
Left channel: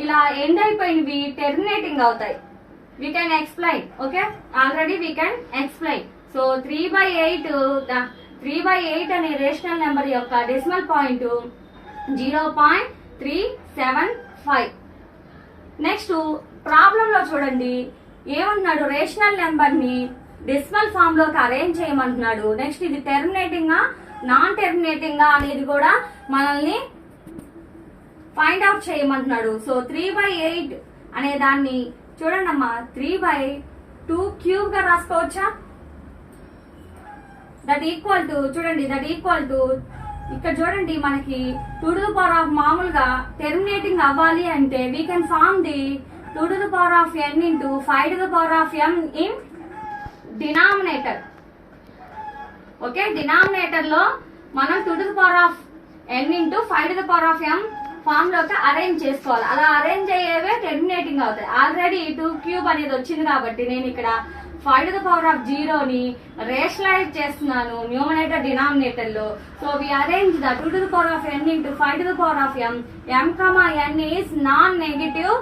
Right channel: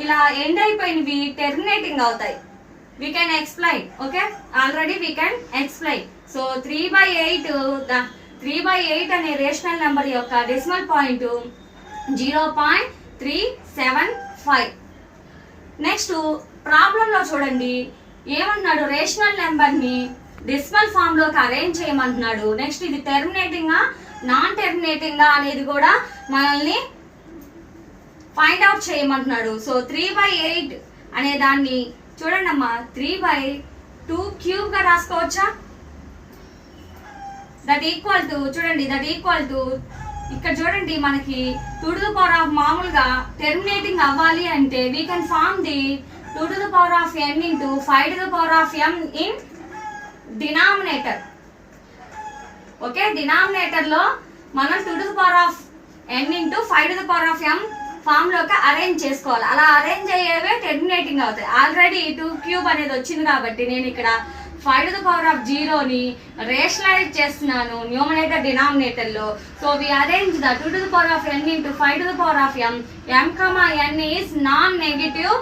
ఇలా ఎండ్ అయిపోయినవి టెర్మినేటింగ్ అవుతాయి. We can explain. Okay, already we can explain. So 3/8 అనే రేషనల్ నెంబర్ యొక్క డెసిమల్ పాయింట్ 0.375. నెక్స్ట్ ప్రాబ్లం లో చూడండి ఏమన్నాడు, రేషనల్ నెంబర్ ని decimal form లోకి అరేంజ్ చేయమంటున్నాడు. నెక్స్ట్ ఇది టెర్మినేటింగ్ నాన్ టెర్మినేటింగ్ అనేది కూడా మనల్ని ఫైండ్ అవుట్ చేయమంటున్నాడు. సో 3/8 అనే దాన్ని చూడండి అమ్మా, 3/2 క్యూబ్ గా రాసుకోవచ్చా? దట్ ఈక్వల్ టు చూడండి, దట్ ఈక్వల్ టు ఇక్కడ చూడండి మనకి 2 to the power of మామూలుగా టెర్మినేటింగ్ అవ్వాలి అంటే we can form the 2 to the power of n into 5 to the power of m in denominator. Okay, denominator లో మనం 2 to the power of n into 5 to the power of m form లోకి arrange చేసుకోవాలి. అలా arrange అయ్యేవే terminating అవుతాయి. Already 2 cube అనేది వచ్చింది కాబట్టి నేను ఇక్కడ 5 to the power of 0ని రేషనలైజ్ చేస్తున్నాను న్యూమరేటర్ డినామినేటర్ లో. So we arrange the 2 to the power of n into 5 to the power of m. m, n is non negative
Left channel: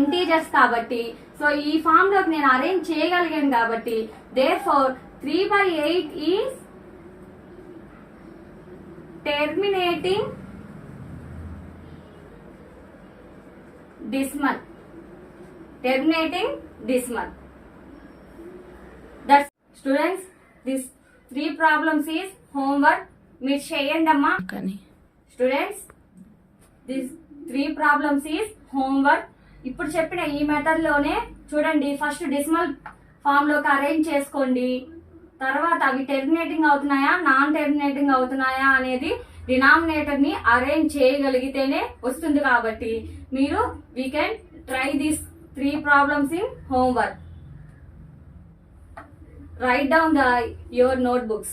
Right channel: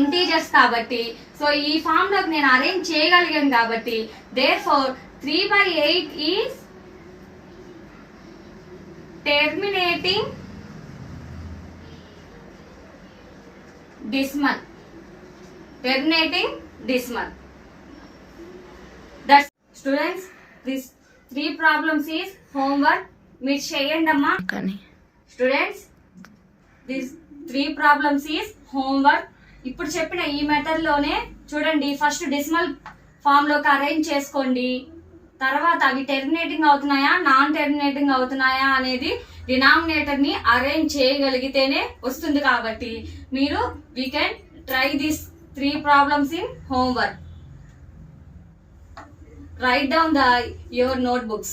integers కాబట్టి సో ఈ ఫామ్ లోకి నేను అరేంజ్ చేయగలిగాను కాబట్టి therefore 3/8 is terminating decimal. Terminating decimal. That's students, this 3 problems is homework. మీరు చేయండి అమ్మా. Students, this 3 problems is homework. ఇప్పుడు చెప్పిన ఈ మెథడ్ లోనే చూడండి, ఫస్ట్ డెసిమల్ ఫామ్ లోకి అరేంజ్ చేసుకోండి. తర్వాత అవి టెర్మినేటింగ్ అవుతున్నాయా నాన్ టెర్మినేటింగ్ అవుతున్నాయా అనేది డినామినేటర్ ని అరేంజ్ చేయగలిగితేనే వస్తుంది. కాబట్టి మీరు we can try this 3 problems in homework. Write down your notebooks.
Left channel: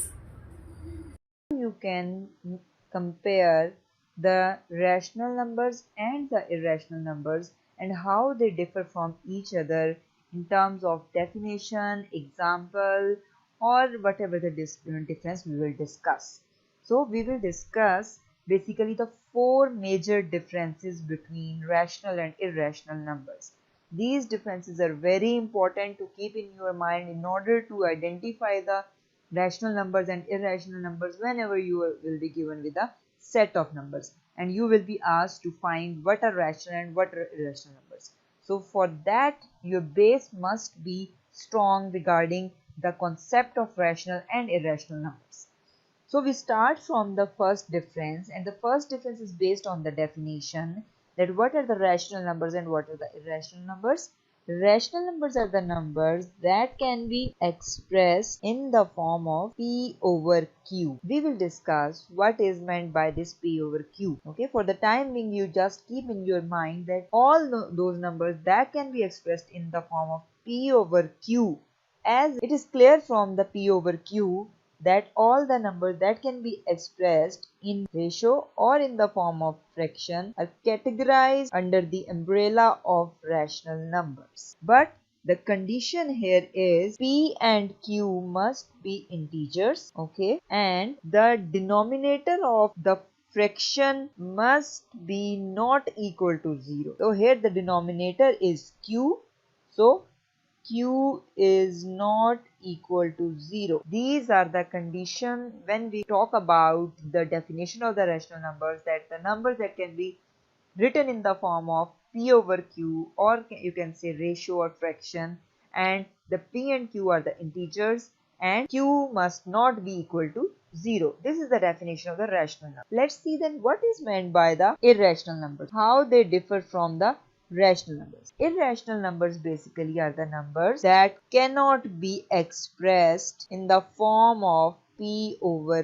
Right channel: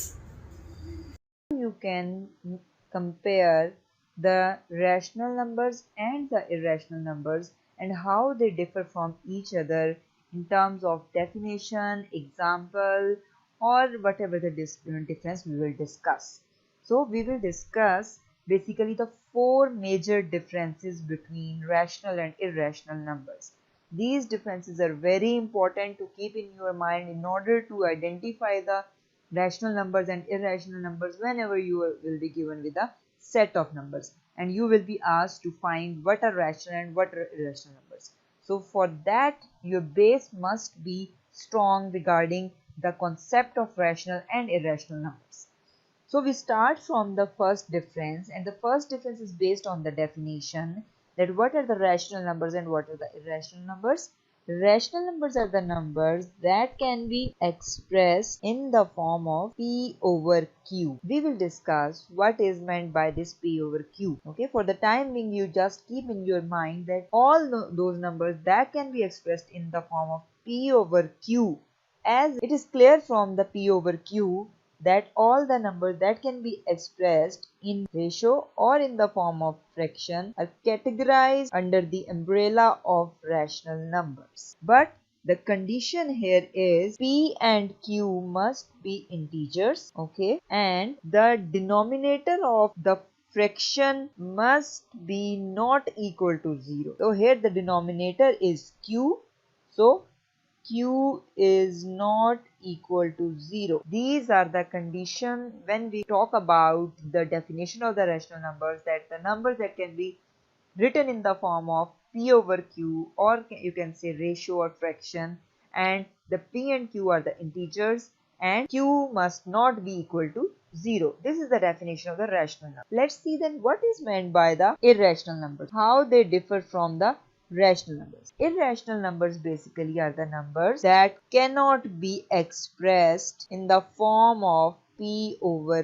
You can compare the rational numbers and the irrational numbers and how they differ from each other in terms of definition, example, or whatever the difference we will discuss. So we will discuss basically the 4 major differences between rational and irrational numbers. These differences are very important to keep in your mind in order to identify the rational numbers and irrational numbers whenever you will be given with a set of numbers and you will be asked to find what are rational and what are irrational numbers. So for that your base must be strong regarding the concept of rational and irrational numbers. So we start from the first difference, and the first difference is based on the definition that what are the rational numbers and what are the irrational numbers. Rational numbers are the numbers that can be expressed in the form of p over q. We will discuss what is meant by this p over q. Okay, for the time being you just keep in your mind that all those numbers that can be expressed in the form of p over q, as it is clear from the p over q that all the numbers that can be expressed in ratio or in the form of fraction are categorized under the umbrella of rational numbers. But the condition here is p and q must be integers, okay, and the denominator of the fraction must be not equal to 0. So here the denominator is q, so q is not equal to 0. These are the condition when we talk about the definition of the rational numbers, that the numbers that can be written in the form of p over q, or you can say ratio or fraction, and the p and q are the integers and q must not be equal to 0. This is the definition of the rational number. Let's see then what is meant by the irrational numbers, how they differ from the rational numbers. Irrational numbers basically are the numbers that cannot be expressed in the form of p over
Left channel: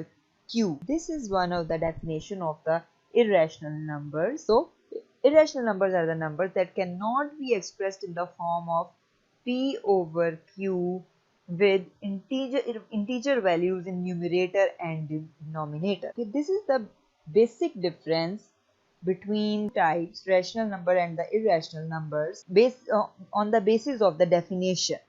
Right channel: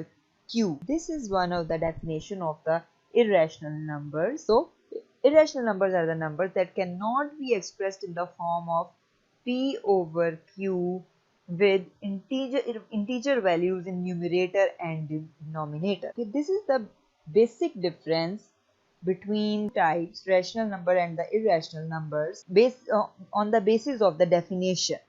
q. This is one of the definition of the irrational numbers. So irrational numbers are the numbers that cannot be expressed in the form of p over q with integer values in numerator and denominator. Okay, this is the basic difference between types rational number and the irrational numbers based on the basis of the definition.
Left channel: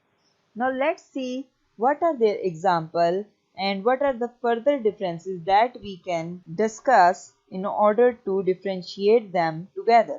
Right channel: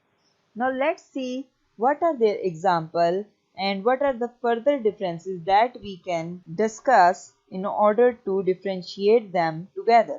Now let's see what are their example and what are the further differences that we can discuss in order to differentiate them together.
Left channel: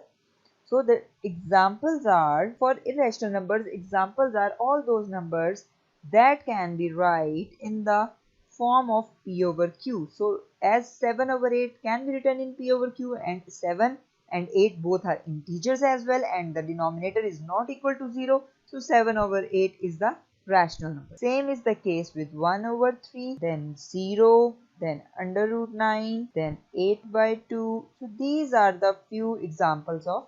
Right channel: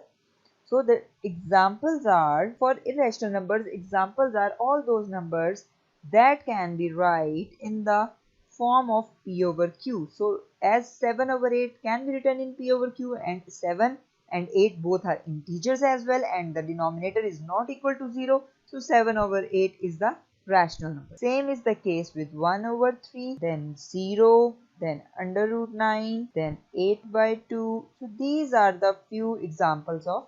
So the examples are, for irrational numbers, examples are all those numbers that can be write in the form of p over q. So as 7 over 8 can be written in p over q, and 7 and 8 both are integers as well, and the denominator is not equal to 0, so 7 over 8 is the rational number. Same is the case with 1 over 3, then 0, then under root 9, then 8 by 2. So these are the few examples of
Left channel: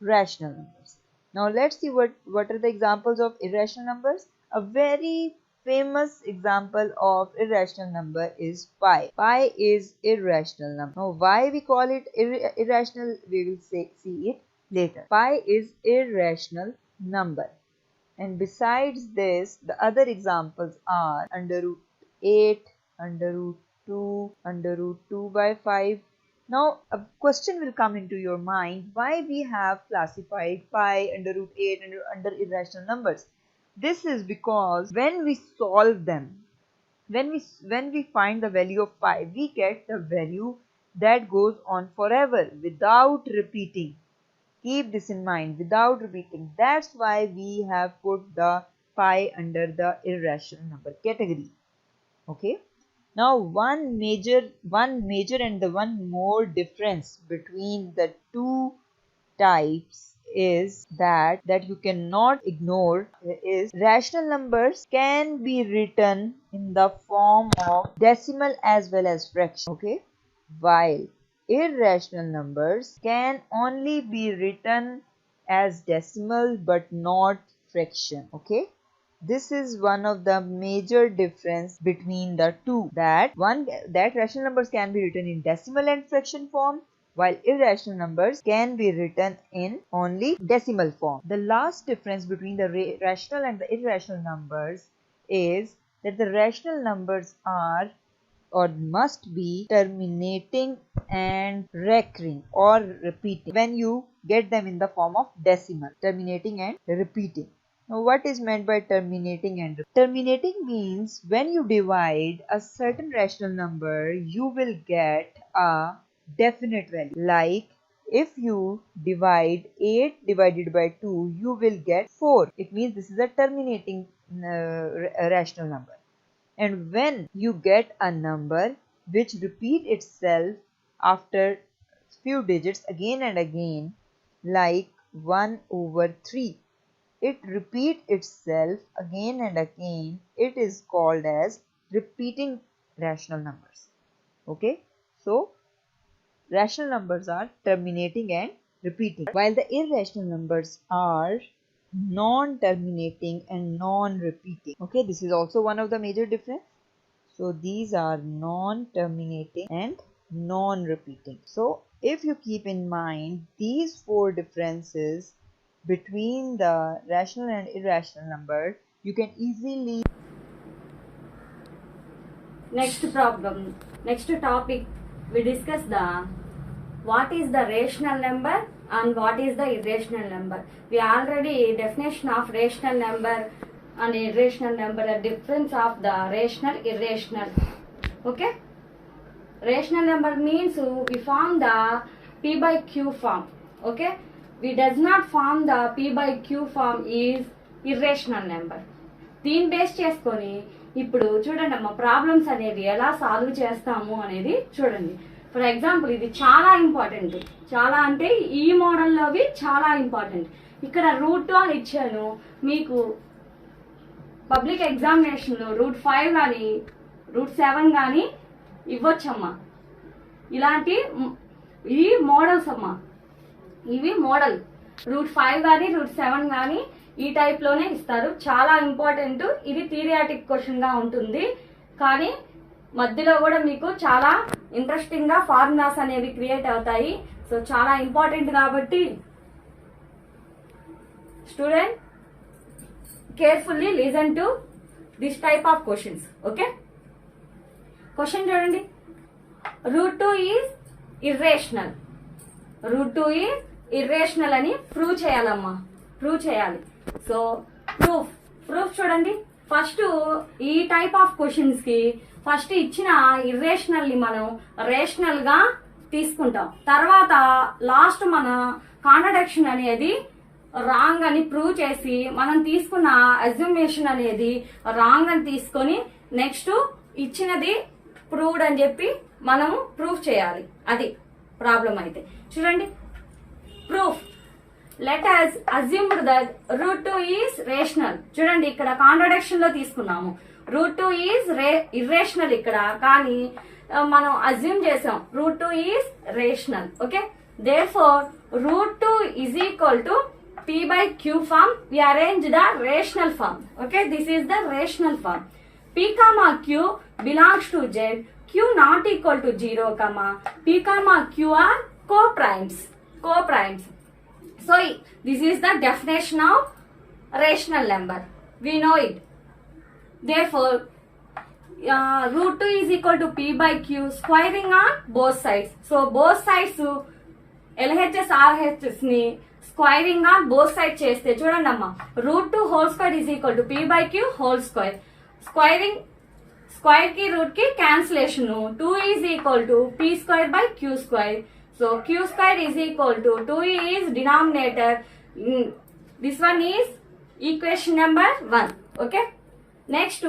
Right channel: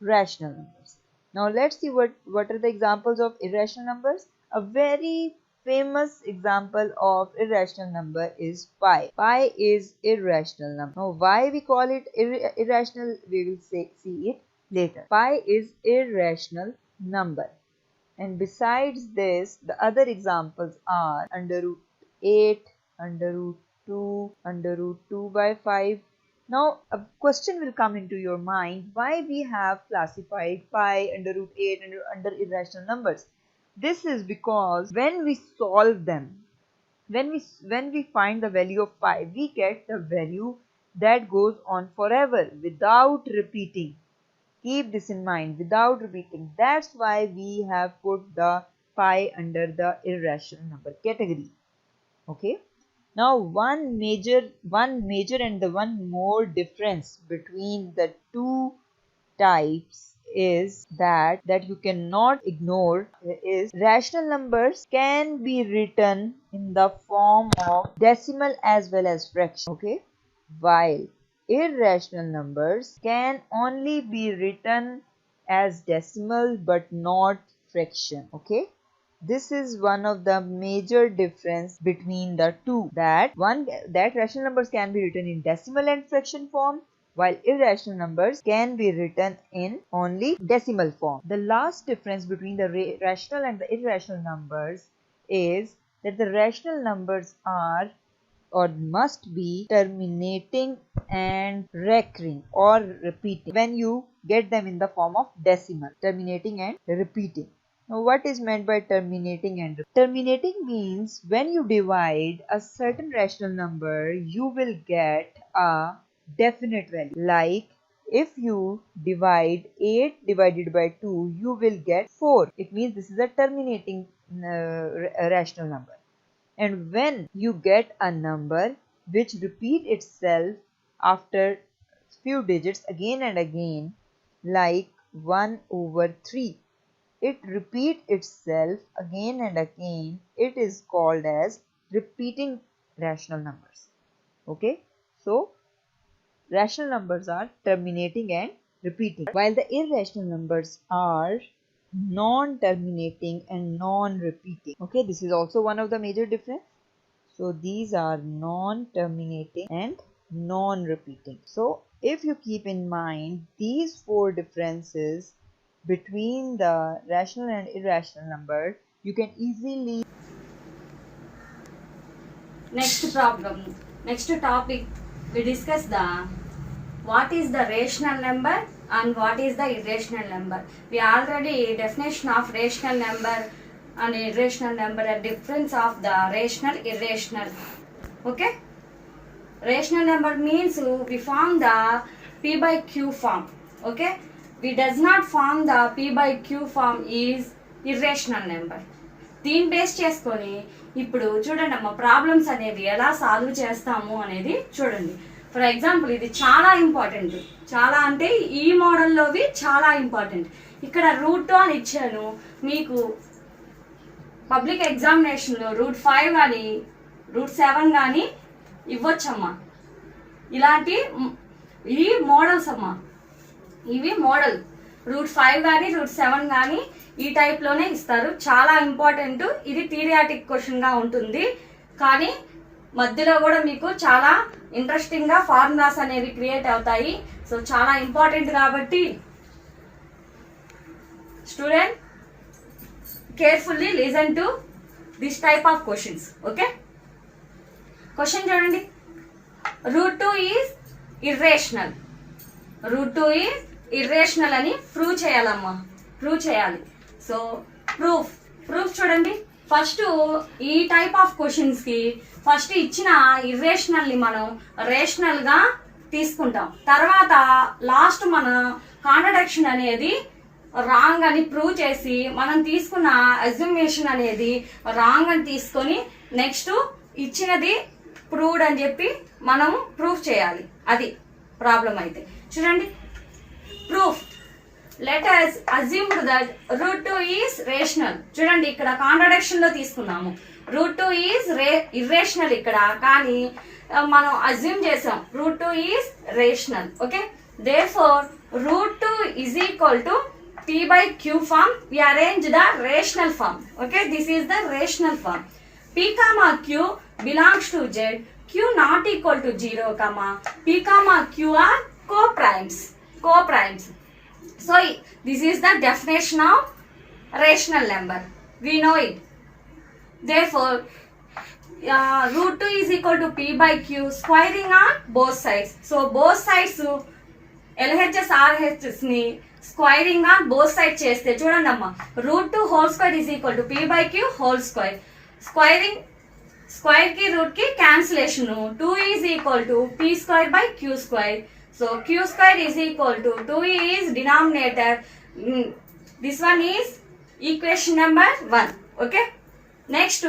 rational numbers. Now let's see what are the examples of irrational numbers. A very famous example of irrational number is pi. Pi is irrational number. Now why we call it irrational, we will see it later. Pi is irrational number. And besides this, the other examples are under root 8, under root 2, under root 2 by 5. Now a question will come into your mind, why we have classified pi, under root 8 under irrational numbers. This is because when we solve them, when we find the value of pi, we get the value that goes on forever without repeating. Keep this in mind, without repeating. That's why we have put the pi under the irrational number category. Okay. Now one major and the one more difference between the two types is that you cannot ignore is rational numbers can be written in the form of decimal as well as fraction. Okay, while irrational numbers can only be written as decimal but not fraction. Okay, this is one of the major difference between the two, that rational numbers can be written in decimal and fraction form, while irrational numbers can be written in only decimal form. The last difference between the rational and the irrational numbers is that the rational numbers are or must be terminating and recurring or repeating when you get them in the form of decimal, terminating and repeating. Now what is meant by terminating and repeating? Terminating means when you divide a certain rational number, you will get a definite value. Like if you divide 8 divided by 2, you will get 4. It means this is a terminating rational number. And when you get a number which repeat itself after few digits again and again, like 1 over 3, it repeat itself again and again, it is called as repeating rational numbers. Okay, so rational numbers are terminating and repeating, while the irrational numbers are non-terminating and non-repeating. Okay, this is also one of the major difference. So these are non-terminating and non-repeating. So if you keep in mind these four differences between the rational and irrational number, you can easily. Next problem, next topic, we discuss what is the rational number and what is the irrational number. We already definition of rational number and irrational number, the difference of the rational, irrational. Okay, rational number means we form the P by Q form. Okay, we does not form the P by Q form is irrational number. దీన్ని బేస్ చేసుకొని ఇప్పుడు చూడండి అమ్మ, ప్రాబ్లమ్స్ అనేవి ఎలా సాల్వ్ చేస్తాము అనేది చూడండి. ఫర్ ఎగ్జాంపుల్ ఇది చాలా ఇంపార్టెంట్, చాలా అంటే ఈ మోడల్లోవి చాలా ఇంపార్టెంట్. ఇక్కడ రూట్ అని ఇచ్చాను, మీకు పబ్లిక్ ఎగ్జామినేషన్లో రూట్ 5 కానీ రూట్ 7 కానీ ఇవ్వచ్చమ్మా. ఇలాంటి ఈ మోడల్స్ అమ్మా, ఇవి మోడల్. రూట్ 5 కానీ రూట్ 7 కానీ ఈ టైప్లోనే ఇస్తారు. చాలా ఇంపార్టెంట్. ఇది థియరియాటిక్ క్వశ్చన్గా ఉంటుంది, కానీ మధ్యలో కూడా మీకు చాలా ఇంట్రెస్టింగ్గా ఫార్ములాస్ అనేవి క్రియేట్ అవుతాయి. సో చాలా ఇంపార్టెంట్ కాబట్టి student carefully listen to this type of questions. Okay, question చూడండి. Root 2 is irrational. Root 2 is irrational అని ప్రూవ్ చేయాలమ్మా, ప్రూవ్ చేయాలి. సో ప్రూఫ్ చూడండి. ఫస్ట్ ఈ టైప్ ఆఫ్ క్వశ్చన్స్ కి ఫస్ట్ ఇచ్చిన ఇర్రేషనల్ ని మనం రేషనల్ గా తీసుకుంటాం. తర్వాత లాస్ట్ మన కాంట్రడిక్షన్ అనేది రాంగ్ అని ప్రూవ్ చేసి మనం తీసుకున్న అజ్యూమేషన్ అనేది రాంగ్ అని తీసుకొని నెక్స్ట్ ఇచ్చినది ప్రూవ్డ్ అని చెప్పి మనము ప్రూఫ్ చేయాలి. అది ప్రాబ్లం అయితే చూడండి. Proof, let us assume that root 2 is rational. చూడండి ఇక్కడ కాంట్రడిక్షన్ లో తీసుకున్నాము. రూట్ 2 ఈజ్ ఇర్రేషనల్ ఇక్కడ, కానీ మనం అజ్యూమ్ చేసాం root 2 is rational. Okay, therefore root 2 is equal to p by q form. We arrange the rational form. Okay, this is the rational form. P comma q belongs to z, q not equal to 0 comma p comma q are co-primes. So this is the definition of rational number. We know it. Therefore root 2 is equal to p by q, squaring on both sides. So both sides LHS RHS ని squaring on both side చేస్తే చూడండి అమ్మా, root 2 whole square is equal to P by Q whole square. Square కి root కి cancellation, 2 is equal to P square by Q square. So Q square is equal to 2 is denominator. This one is equation number 1. Okay, next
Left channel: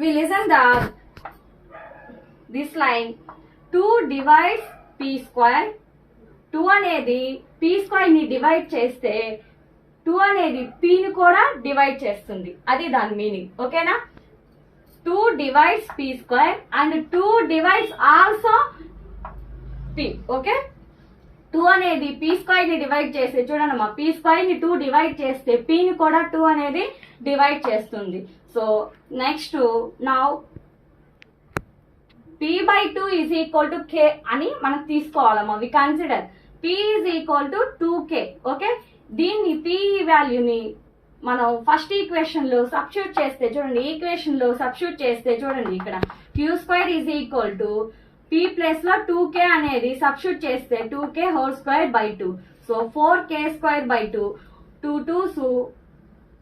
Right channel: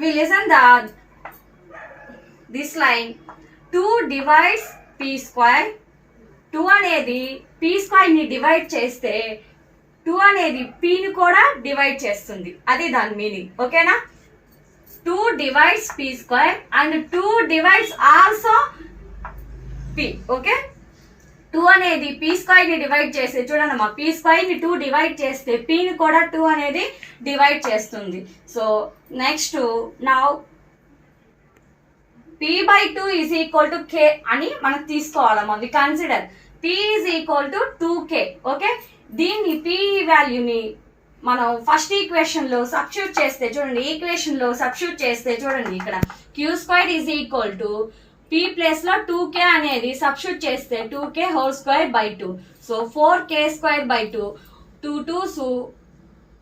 we listen the this line. 2 divides p square. 2 అనేది p square ని డివైడ్ చేస్తే 2 అనేది p ని కూడా డివైడ్ చేస్తుంది, అది దాని మీనింగ్. ఓకేనా, 2 divides p square and 2 divides also p. Okay, 2 అనేది p స్క్వేర్ ని డివైడ్ చేస్తే చూడండి అమ్మా, p స్క్వేర్ ని 2 డివైడ్ చేస్తే p ని కూడా 2 అనేది డివైడ్ చేస్తుంది. So next now p by 2 is equal to k అని మనం తీసుకోవాలమ్మా. We consider p is equal to 2k. Okay, దీన్ని p వాల్యూని మనం ఫస్ట్ ఈక్వేషన్ లో సబ్స్టిట్యూట్ చేస్తే చూడండి, ఈక్వేషన్ లో సబ్స్టిట్యూట్ చేస్తే చూడండి, ఇక్కడ q square is equal to p place లో 2k అనేది సబ్స్టిట్యూట్ చేస్తే 2k whole square by 2. So 4k square by 2, 2 2s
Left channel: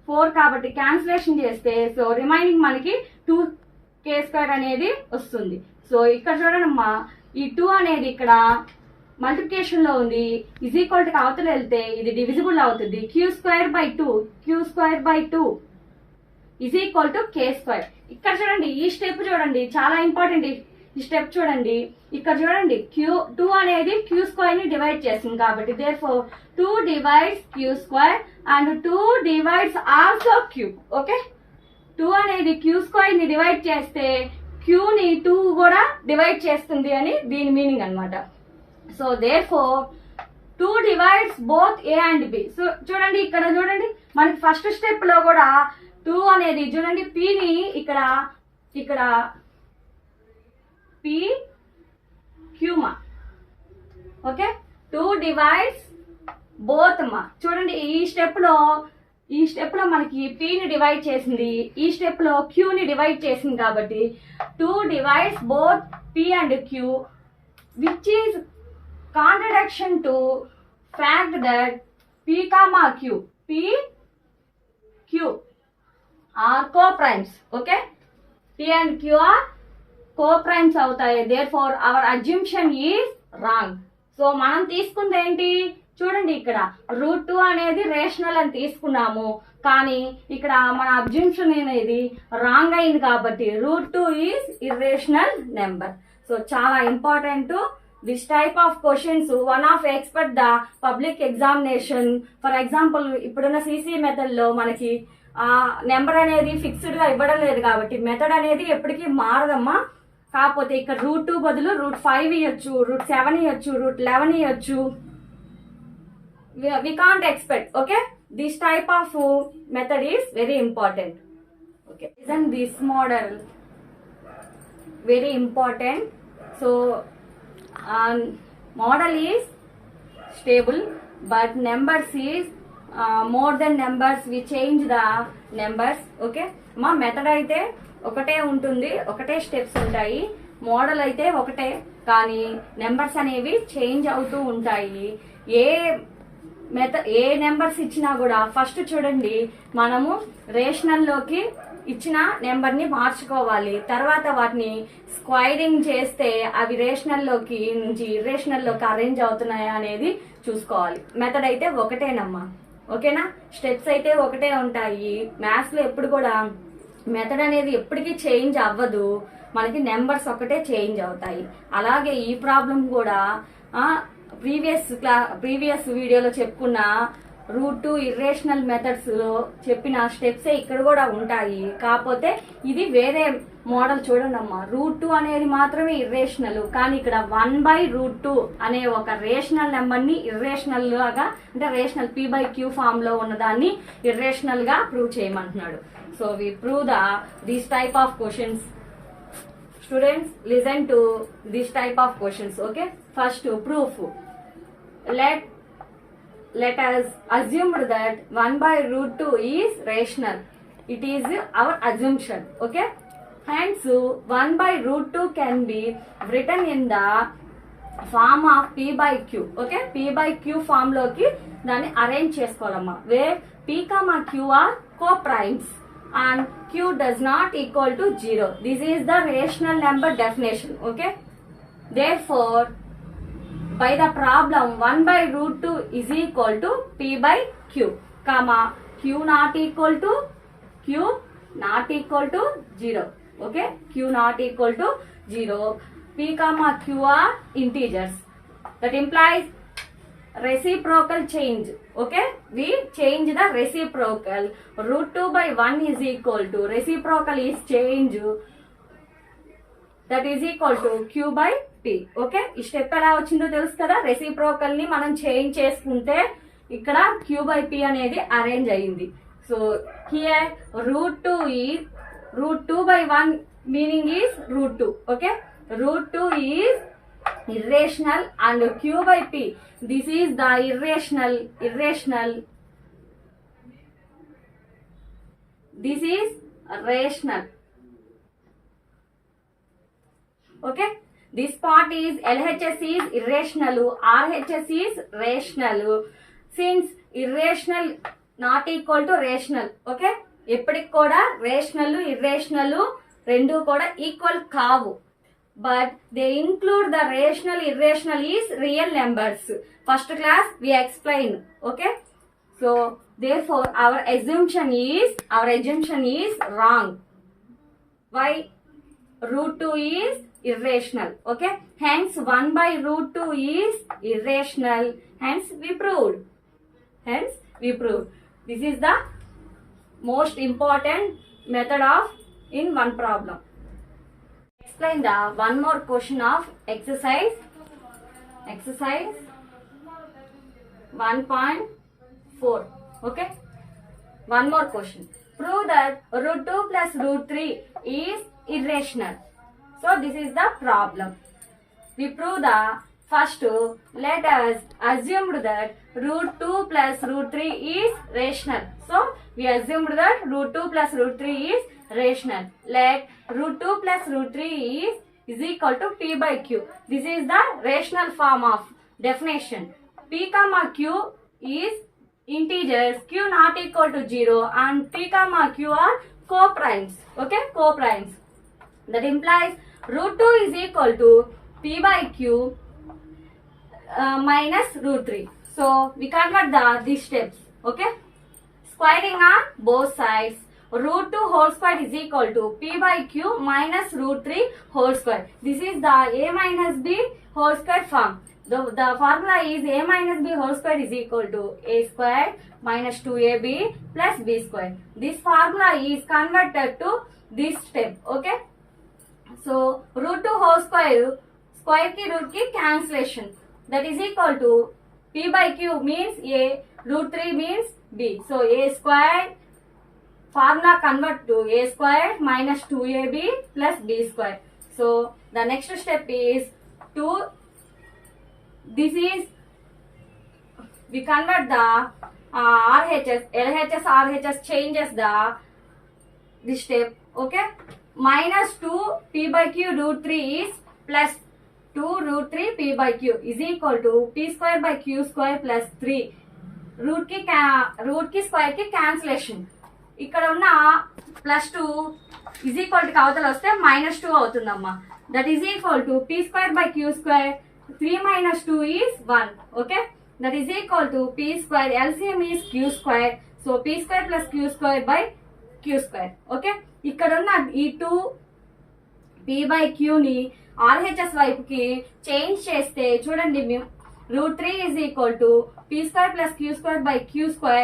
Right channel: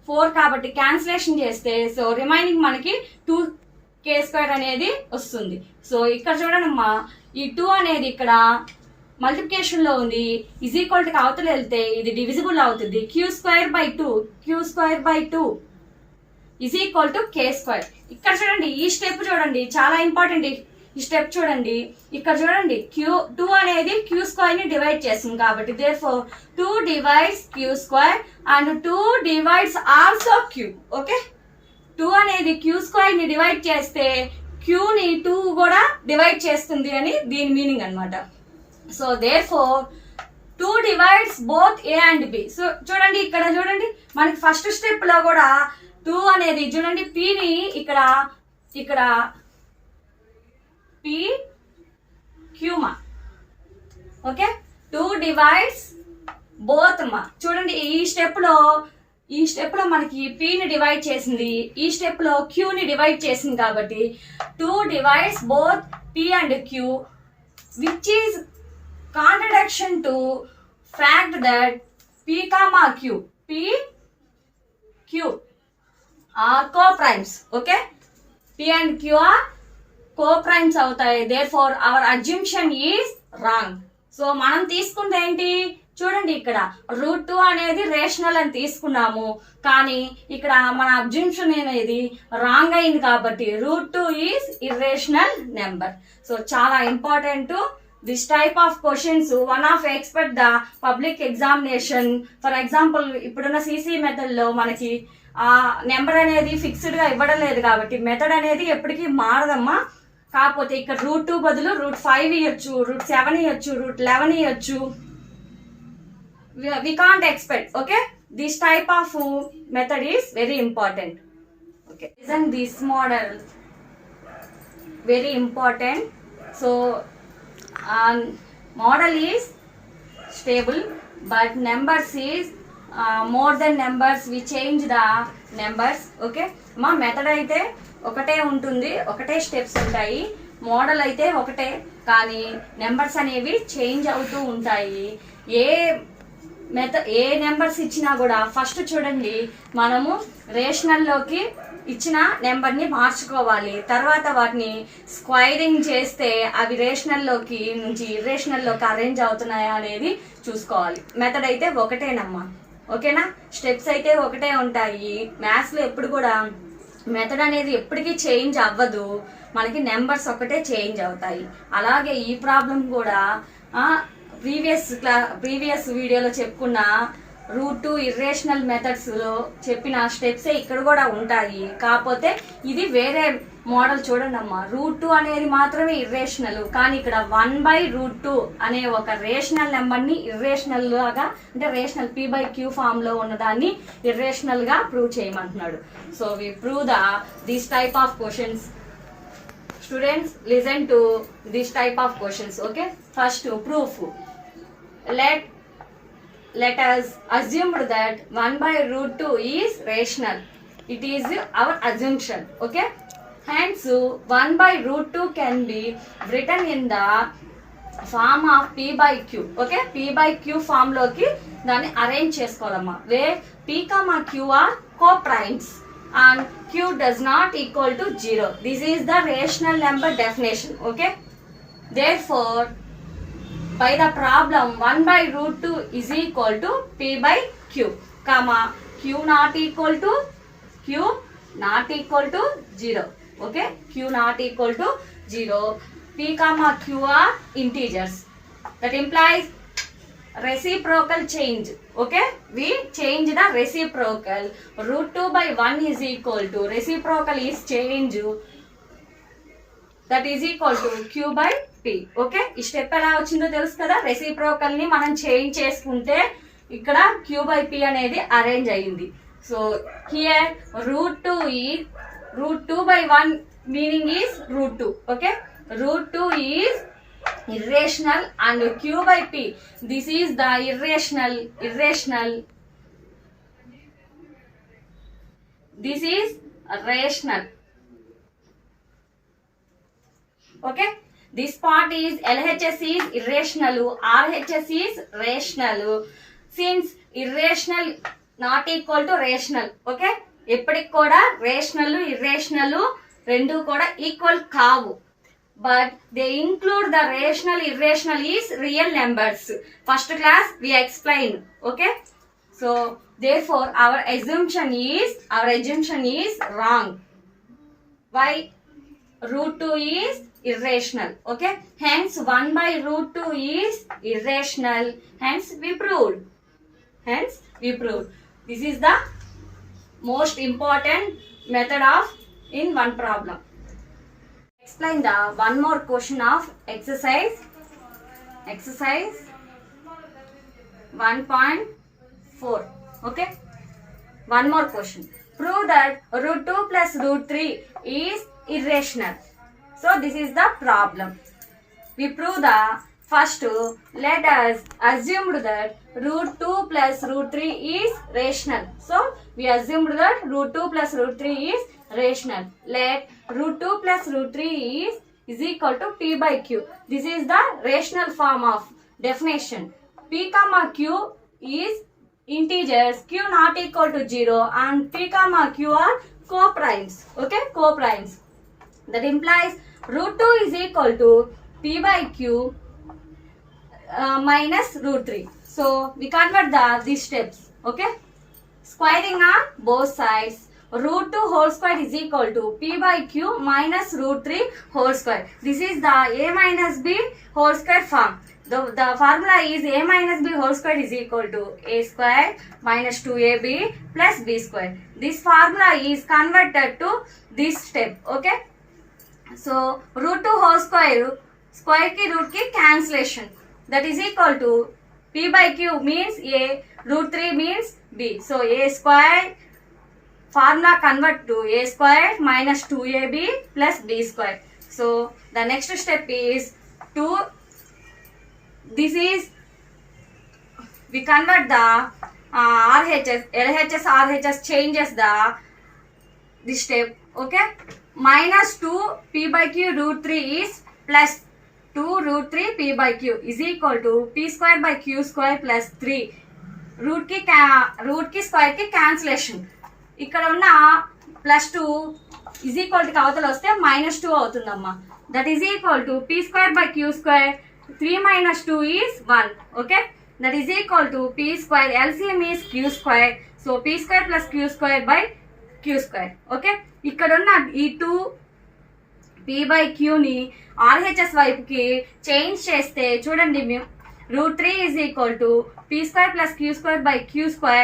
4 కాబట్టి క్యాన్సిలేషన్ చేస్తే సో రిమైనింగ్ మనకి 2k స్క్వేర్ అనేది వస్తుంది. సో ఇక్కడ చూడండి అమ్మా, ఈ 2 అనేది ఇక్కడ మల్టిప్లికేషన్ లో ఉంది, ఈజ్ ఈక్వల్ టు అవతల వెళ్తే ఇది డివిజిబుల్ అవుతుంది. Q square by 2 is equal to k square. ఇక్కడ చూడండి, ఈ స్టెప్ చూడండి చాలా ఇంపార్టెంట్. ఈ స్టెప్ చూడండి, ఇక్కడ చూడండి, Q2 అనేది Q స్క్వేర్ ని డివైడ్ చేస్తుంది కాబట్టి therefore 2 divides Q square and 2 divides also Q. Okay, 2 అనేది Q స్క్వేర్ ని డివైడ్ చేస్తే Q ని 2 కూడా డివైడ్ చేస్తుంది అని దీని మీనింగ్ అన్నమాట. So therefore 2 divides both A and B. So చూడండి, ఇక్కడ చూడండి, మనకి ఫస్ట్ స్టెప్ లో కూడా 2 అనేది చూడండి P ని ఇక్కడ P Q మా. ఓకే, 2 divides both మా. చూడండి, ఈ స్టెప్ లో మనకి P ని డివైడ్ చేసింది, ఈ స్టెప్ లో Q ని డివైడ్ చేసింది కాబట్టి 2 divides both P and Q, which is contradiction to fact that P comma Q are co-primes. Okay, P and Q are co-primes అవుతాయి. therefore our assumption is wrong. So మనం తీసుకుంది ఏంటి చూడండి, ఇక్కడ రూట్ 2 అనేది రేషనల్ అని తీసుకున్నాము, కానీ ఇక్కడ మన అబ్జంప్షన్ అనేది రాంగ్ అయింది కాబట్టి root 2 is irrational number. So చాలా important this type of questions. One of expect the public examination. For example, ఇప్పుడున్న సిసి మెథడ్ లో మనకి ఆ నెంబర్ అనేది ఫిక్స్డ్ గా ఇవ్వడం లేదు కాబట్టి మెథడ్ అనేది ఎప్పటికీ మారదమ్మా. కాకపోతే ఇక్కడ రూట్ 2 బదులు రూట్ 5 ఇవ్వచ్చు, రూట్ 7 ఇవ్వచ్చు, రూట్ 11 ఇవ్వచ్చు. We can't expect. Okay, this type of method is very important. Okay, isn't this model very important? So model is stable but numbers is more than numbers. We change the numbers. Okay, మా మెథడ్ అయితే ఒకటే ఉంటుంది, ఒకటే స్టెప్స్ ఉంటాయి. మోడల్ అయితే ఒకటే, కానీ నెంబర్స్ అనేవి చేంజ్ అవుతూ ఉంటాయి. ఏ నెంబర్స్ ఇచ్చినా కూడా ఫస్ట్ చూడండి, మనము రేషనల్లోకి ఇచ్చిన నెంబర్ని మార్చుకోవాలి. తర్వాత వాటిని స్క్వైరింగ్ చేస్తే అవి రేషనల్లోకి నుంచి ఇర్రేషనల్లోకి అరేంజ్ అవుతున్నాయా అనేది చూసుకోవాలి. మెథడ్ అయితే ఒకటేనమ్మా. ఓకేనా, స్టెప్స్ అయితే ఒకటే ఉంటాయి. మ్యాథ్స్లో ఎప్పుడు కూడా మెథడ్ అనేది ఎప్పటికీ చేంజ్ అవ్వదు, మనకి నెంబర్స్ ఒకటే చేంజ్ అవుతాయి. అలాగే ఈ ప్రాబ్లం కూడా ప్రీవియస్ వీడియోలో చెప్పుకున్న రూట్ 2 ఇర్రేషనల్ మెథడ్స్ లో చెప్పిన స్టెప్సే ఇక్కడ కూడా ఉంటాయి. కాకపోతే ఇది వేరే మోడల్ చూడండి అమ్మా. రూట్ 2 అనేది మాత్రమే ఇర్రేషనల్, కానీ ఇక్కడ 1/√2 అనే ఒక రేషనల్ నెంబర్ ని ఇర్రేషనల్ లాగా, అంటే రేషనల్ p/q ఫామ్ లో ఉన్నదాన్ని ఇర్రేషనల్ గా ప్రూవ్ చేయమంటున్నాడు. So we prove this type of questions. Students, listen to this type of questions. Okay, first proof. Let us assume that 1/√2 is rational. It is our assumption. Okay, hence 1/√2 can be written in the form of p/q. Okay, p/q form loki dani arrange chesukovalama, where p, q are co-primes and q does not equal to 0. This is the rational number definition. Okay, therefore by the problem 1/√2 is equal to p/q, comma q not equal to 0. Okay, q not equal to 0. p comma q are integers. That implies reciprocal change. Okay, we change the reciprocal. √2/1 is equal to, reciprocal is change, that is equal to q/p. Okay, ఈ స్టెప్ ఎలా వచ్చిందో తెలుసు కదా. రెసిప్రోకల్ ని మనం చేంజ్ చేసుకుంటే ఇక్కడ q/p అనేది అరేంజ్ అయ్యింది. So here √2/1 meaning is √2. ఓకే, √2 is irrational and q/p, this is the irrational, this is rational. Okay, this part is LHS is irrational, RHS is rational. Since irrational not equal to rational, okay, ఎప్పటికి కూడా rational irrational రెండు కూడా ఈక్వల్ కావు, but they include the rational irrational is real numbers. First class we explained. Okay, so therefore our assumption is wrong. Why? √2 is irrational. Okay, hence 1/√2 is irrational, hence we proved. This is the most important method of in one problem. Explain the one more question of exercise 1.4. Okay, one more question. Prove that √2 plus √3 is irrational. So this is the problem. We prove the first, let us assume that √2 plus √3 is rational. So we assumed that √2 plus √3 is rational. Let √2 plus √3 is equal to p/q. This is the rational form of definition. p comma q is integers, q not equal to 0, and p comma q are co-primes. Okay, co-primes. That implies √2 is equal to p/q minus √3. So we convert these steps. Okay, squaring on both sides. √2 whole square is equal to p/q minus √3 whole square. This is the a minus b whole square form. The formula is a minus b whole square is equal to a square minus 2ab plus b square. This formula is converted to this step. Okay, so √2 whole square ki root ki cancellation, that is equal to p/q means a, √3 means b. So a square formula convert to a square minus 2ab plus b square. So the next step is this is, we convert the RHS, LHS, RHS changes this step. Okay, minus 2 p/q √3 is plus 2 √3 p/q is equal to p square by q square plus 3. రూట్ కి స్క్వేర్ కి క్యాన్సిలేషన్. ఇక్కడ ఉన్న +2 is equal to అవతల వస్తే -2 అవుతుందమ్మా. That is equal to p square by q square. 3 minus 2 is 1. Okay, that is equal to p square. LCM is q square. So p square plus q square by q square. Okay, ఇక్కడ ఉన్న ఈ 2 p/q ని RHS వైపుకి చేంజ్ చేస్తే చూడండి, √3 is equal to p² plus q² by q²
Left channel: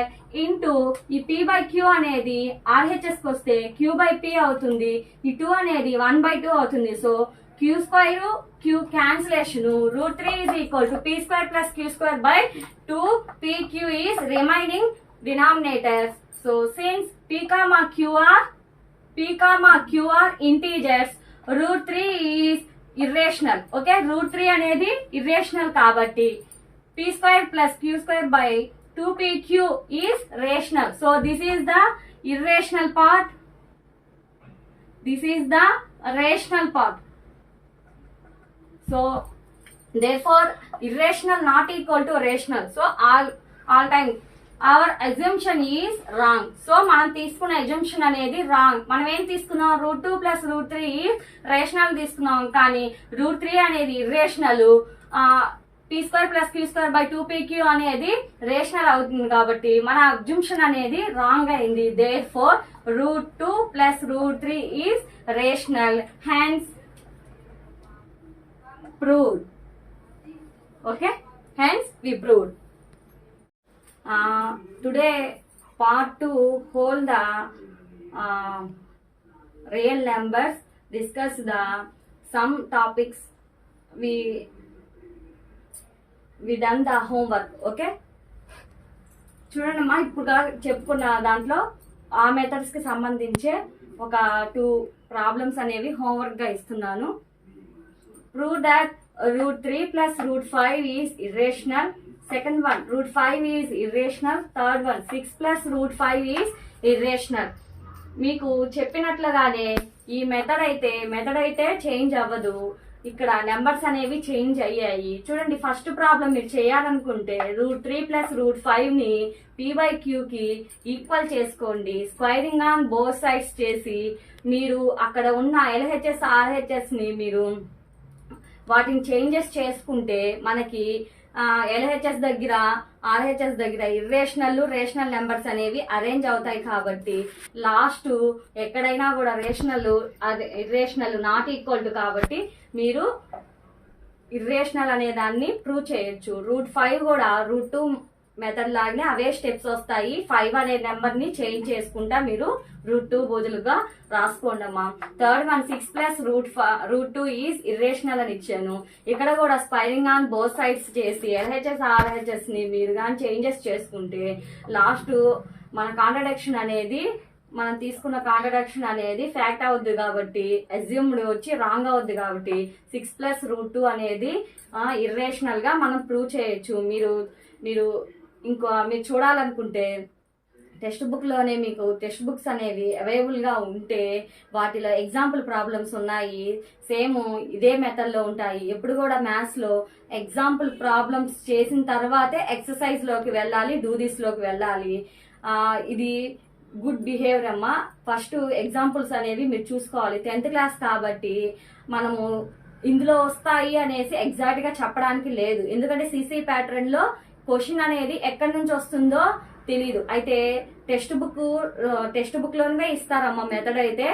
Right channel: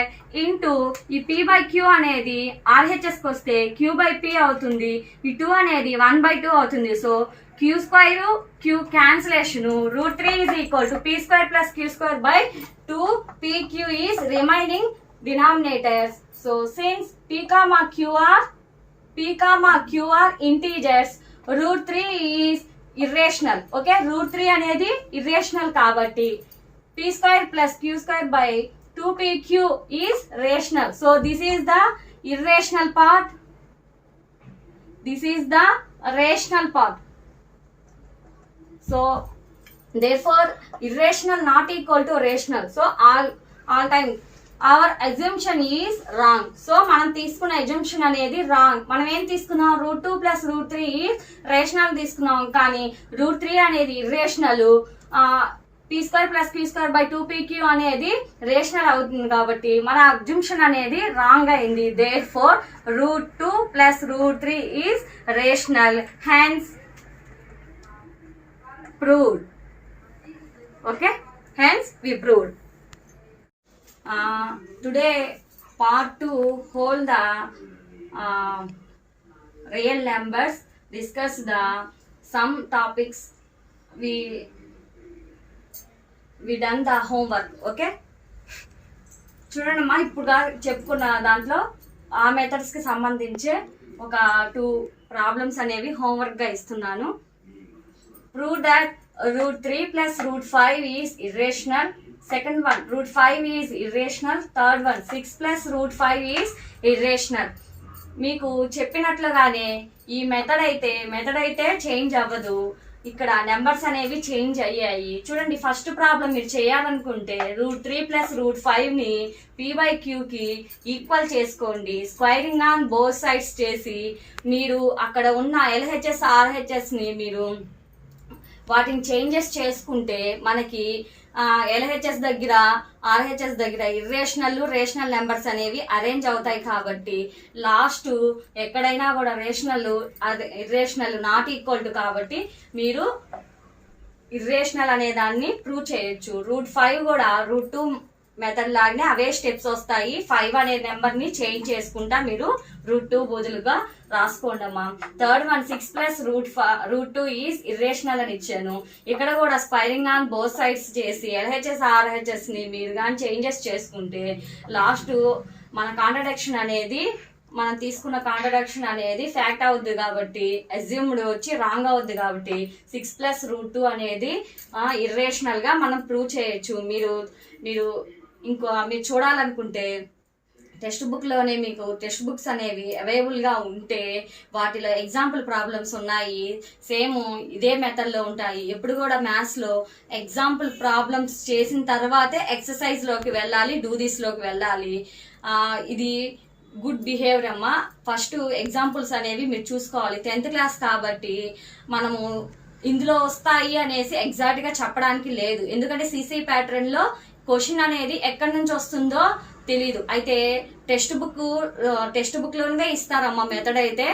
into ఈ p by q అనేది RHSకి వస్తే q బై p అవుతుంది, ఈ 2 అనేది 1/2 అవుతుంది. So q² q cancellation √3 is equal to p² plus q² by 2 pq is remaining denominators. So since p, q are integers, √3 is irrational. Okay, √3 అనేది irrational కాబట్టి p² plus q² by 2pq is rational. So this is the irrational part. This is the rational part. So therefore irrational not equal to rational. So all time our assumption is wrong. So మనం తీసుకున్న assumption అనేది wrong. మనం ఏం తీసుకున్నాం, √2 plus √3 is rational తీసుకున్నాం, కానీ √3 అనేది irrational, p² plus q² by 2pq అనేది రేషనల్ అవుతుంది కాబట్టి మన assumption అనేది రాంగ్ అయింది. therefore √2 plus √3 is rational, hence proved. Okay, hence we proved. Today part 2 hold the real numbers, discuss the some topics, we done the homework. Okay, చూడండి అమ్మా, ఇప్పుడు చెప్పుకున్న దాంట్లో ఆ మెథడ్స్కి సంబంధించే ఒక 2 ప్రాబ్లమ్స్ అనేవి హోంవర్క్గా ఇస్తున్నాను. ప్రూవ్ దట్ √3 plus √5 is irrational. Second one, √5 is irrational. Third one, 6 plus √5 is irrational. మీకు చెప్పినట్లుగానే ఈ మెథడ్ అయితే చేంజ్ అవ్వదు, ఇక్కడ నెంబర్స్ అనేవి చేంజ్ అయ్యాయి. చూడండి, ఫస్ట్ ప్రాబ్లం మీరు చేయాలనుకుంటే √3 plus √5ని p/qకి ఈక్వల్ చేసుకోండి. స్క్వైరింగ్ ఆన్ బోత్ సైడ్స్ చేసి మీరు అక్కడ ఉన్న LHS RHSని మీరు వాటిని చేంజెస్ చేసుకుంటే మనకి LHS దగ్గర RHS దగ్గర ఇర్రేషనల్ రేషనల్ నెంబర్స్ అనేవి అరేంజ్ అవుతాయి. కాబట్టి లాస్ట్ ఎక్కడైనా కూడా rational irrational not equal to కాబట్టి మీరు ఇర్రేషనల్ అనే దాన్ని ప్రూవ్ చేయొచ్చు. √5 కూడా √2 మెథడ్ లాగానే అవే స్టెప్స్ వస్తాయి. 5 అనే నెంబర్ ని చేంజ్ చేసుకుంటా మీరు √2 బదులుగా రాసుకోండి అమ్మా. థర్డ్ వన్, 6 plus √2 ఈజ్ ఇర్రేషనల్ అని ఇచ్చాను. ఇక్కడ కూడా స్క్వైరింగ్ ఆన్ బోత్ సైడ్స్ చేసి LHS RHS ని మీరు కానీ చేంజెస్ చేసుకుంటే లాస్ట్ మన కాంట్రడిక్షన్ అనేది మనం తీసుకున్న కాంట్రడిక్షన్ అనేది ఫ్యాక్ట్ అవుద్ది కాబట్టి అజ్యూమ్డ్ వచ్చి రాంగ్ అవుద్ది కాబట్టి 6 plus √2 అనేది ఇర్రేషనల్ గా మనం ప్రూవ్ చేయొచ్చు. మీరు చూడాలనుకుంటే టెక్స్ట్ బుక్లోనే మీకు టెక్స్ట్ బుక్స్ అనేవి అవైలబుల్గా ఉంటే వాటిలో ఎగ్జాంపుల్ ప్రాబ్లమ్స్ ఉన్నాయి, సేమ్ ఇదే మెథడ్లో ఉంటాయి. ఎప్పుడు కూడా మ్యాథ్స్లో ఎగ్జాంపుల్ ప్రాబ్లమ్స్ చేసిన తర్వాతే ఎక్సర్సైజ్లోకి వెళ్ళాలి, డూ దిస్లోకి వెళ్ళాలి. ఇది గుడ్ బిహేవియర్ అమ్మా. ఫస్ట్ ఎగ్జాంపుల్స్ అనేవి మీరు చూసుకోవాలి. 10th క్లాస్ కాబట్టి మనము ఇందులో వస్తాయి అనేసి ఎగ్జాక్ట్గా చెప్పడానికి లేదు, ఎందుకంటే CC ప్యాటర్న్లో క్వశ్చన్ అనేది ఎక్కడి నుంచి వస్తుందో తెలీదు. అయితే టెక్స్ట్ బుక్ లోనే ఇస్తారమ్మా. మెథడ్ అయితే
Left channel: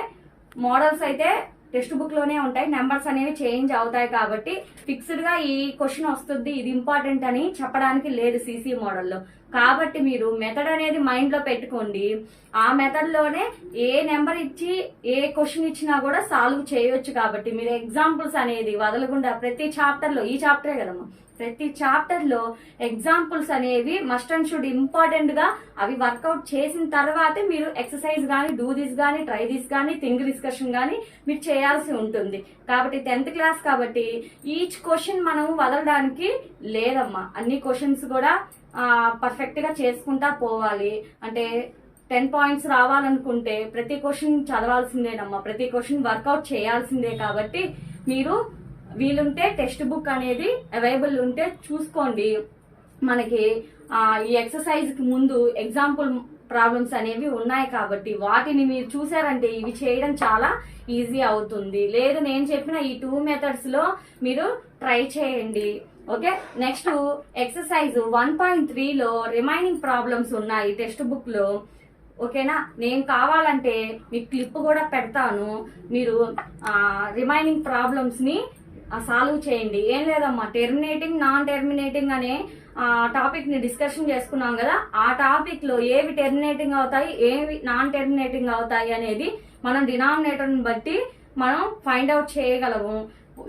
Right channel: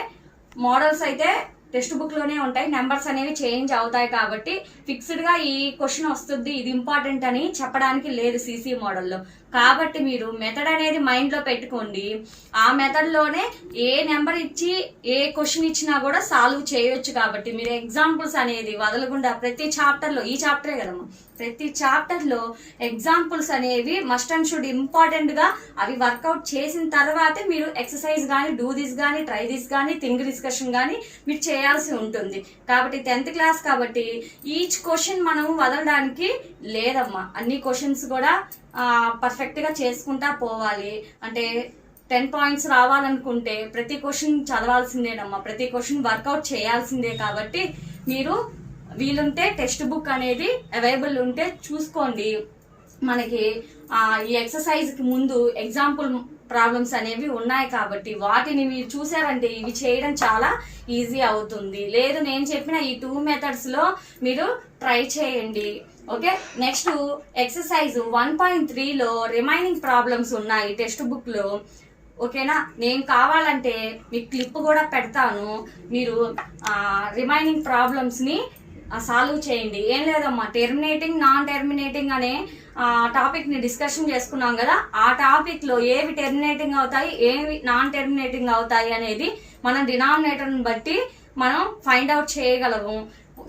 మోడల్స్ అయితే టెక్స్ట్ బుక్ లోనే ఉంటాయి, నెంబర్స్ అనేవి చేంజ్ అవుతాయి కాబట్టి ఫిక్స్డ్ గా ఈ క్వశ్చన్ వస్తుంది, ఇది ఇంపార్టెంట్ అని చెప్పడానికి లేదు CC మోడల్లో. కాబట్టి మీరు మెథడ్ అనేది మైండ్ లో పెట్టుకోండి. ఆ మెథడ్ లోనే ఏ నెంబర్ ఇచ్చి ఏ క్వశ్చన్ ఇచ్చినా కూడా సాల్వ్ చేయొచ్చు. కాబట్టి మీరు ఎగ్జాంపుల్స్ అనేది వదలకుండా ప్రతి చాప్టర్ లో, ఈ చాప్టరే కదమ్మా, ప్రతి చాప్టర్ లో ఎగ్జాంపుల్స్ అనేవి మస్ట్ అండ్ షుడ్ ఇంపార్టెంట్ గా అవి వర్కౌట్ చేసిన తర్వాతే మీరు ఎక్సర్సైజ్ కానీ, డూ దిస్ కానీ, ట్రై దిస్ కానీ, థింక్ డిస్కషన్ కానీ మీరు చేయాల్సి ఉంటుంది. కాబట్టి 10th క్లాస్ కాబట్టి ఈచ్ క్వశ్చన్ మనం వదలడానికి లేదమ్మా. అన్ని క్వశ్చన్స్ కూడా పర్ఫెక్ట్ గా చేసుకుంటా పోవాలి. అంటే 10 points రావాలనుకుంటే ప్రతి క్వశ్చన్ చదవాల్సిందేనమ్మా, ప్రతి క్వశ్చన్ వర్కౌట్ చేయాల్సిందే. కాబట్టి మీరు వీలుంటే టెక్స్ట్ బుక్ అనేది అవైలబుల్ ఉంటే చూసుకోండి. మనకి ఈ ఎక్సర్సైజ్ కి ముందు ఎగ్జాంపుల్ ప్రాబ్లమ్స్ అనేవి ఉన్నాయి కాబట్టి వాటిని మీరు చూసారంటే ఇవి చేయడం చాలా ఈజీ అవుతుంది. లేదు నేను చెప్పిన ఈ 2 మెథడ్స్ లో మీరు ట్రై చేయండి. ఓకే, నెక్స్ట్ ఎక్సర్సైజ్ 1.3లో రిమైనింగ్ ప్రాబ్లమ్స్ ఉన్నాయి టెక్స్ట్ బుక్ లో. ఓకేనా, నేను కావాలంటే మీకు క్లిప్ కూడా పెడతాను, మీరు రిమైనింగ్ ప్రాబ్లమ్స్ ని సాల్వ్ చేయండి. ఏం లేదమ్మా, టెర్మినేటింగ్ నాన్ టెర్మినేటింగ్ అనే టాపిక్ ని డిస్కషన్ చేసుకున్నాం కదా, ఆ టాపిక్ లో ఏవి టెర్మినేటింగ్ అవుతాయి ఏవి నాన్ టెర్మినేటింగ్ అవుతాయి అనేది మనం డినామినేటర్ ని బట్టి మనం ఫైండ్ అవుట్ చేయగలము.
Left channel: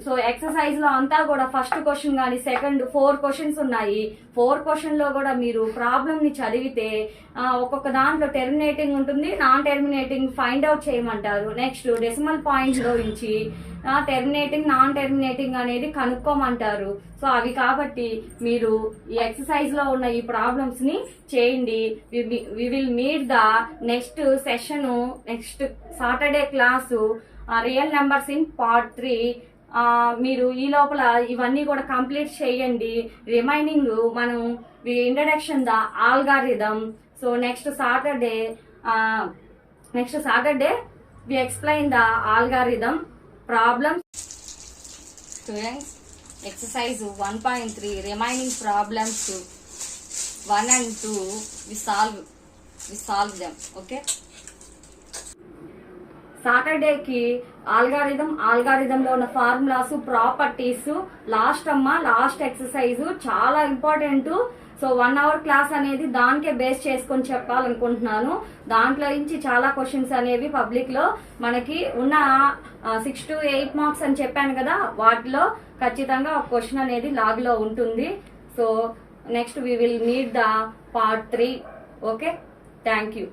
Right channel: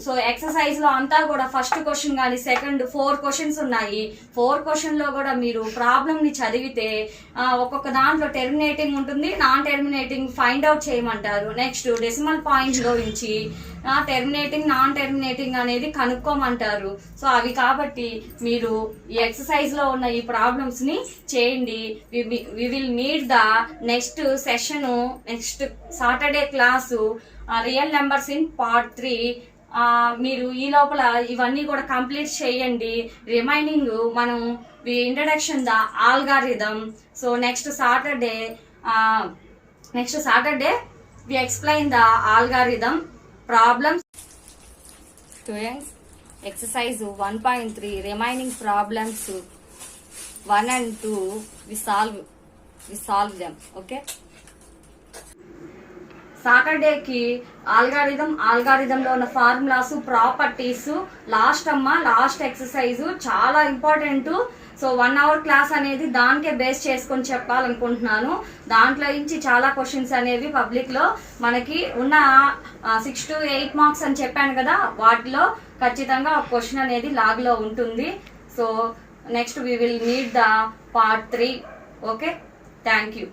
సో ఎక్సర్సైజ్ లో అంతా కూడా ఫస్ట్ క్వశ్చన్ కానీ సెకండ్ 4 క్వశ్చన్స్ ఉన్నాయి. 4 క్వశ్చన్ లో కూడా మీరు ప్రాబ్లమ్ ని చదివితే ఒక్కొక్క దాంట్లో టెర్మినేటింగ్ ఉంటుంది, నాన్ టెర్మినేటింగ్ ఫైండ్ అవుట్ చేయమంటారు. నెక్స్ట్ డెసిమల్ పాయింట్ లో నుంచి టెర్మినేటింగ్ నాన్ టెర్మినేటింగ్ అనేది కనుక్కోమంటారు. సో అవి కాబట్టి మీరు ఈ ఎక్సర్సైజ్ లో ఉన్న ఈ ప్రాబ్లమ్స్ ని చేయండి. We will meet the next session, next Saturday class real numbers in part 3. మీరు ఈ లోపల ఇవన్నీ కూడా కంప్లీట్ చేయండి. రిమైనింగ్ మనం introduction the algorithm. So next Saturday we explain the algorithm problems. Students, exercise 1.3 remaining problems 1 and 2 we solve them. Okay, సాటర్డేకి ఆల్గారిథంలో ఉన్న ఫార్ములాస్, ప్రాపర్టీస్, లాస్ట్ ఎక్సర్సైజ్ చాలా ఇంపార్టెంట్. సో 1 hour క్లాస్ అనేది దానికే బేస్ చేసుకొని చెప్పాలనుకుంటున్నాను. దాంట్లో నుంచి చాలా క్వశ్చన్స్ అనేవి పబ్లిక్ లో మనకి ఉన్న 6 to 8 మార్క్స్ అని చెప్పాను కదా, వాటిలో ఖచ్చితంగా ఒక క్వశ్చన్ అనేది లాగ్ లో ఉంటుంది. So next we will meet the part 3. Okay, thank you.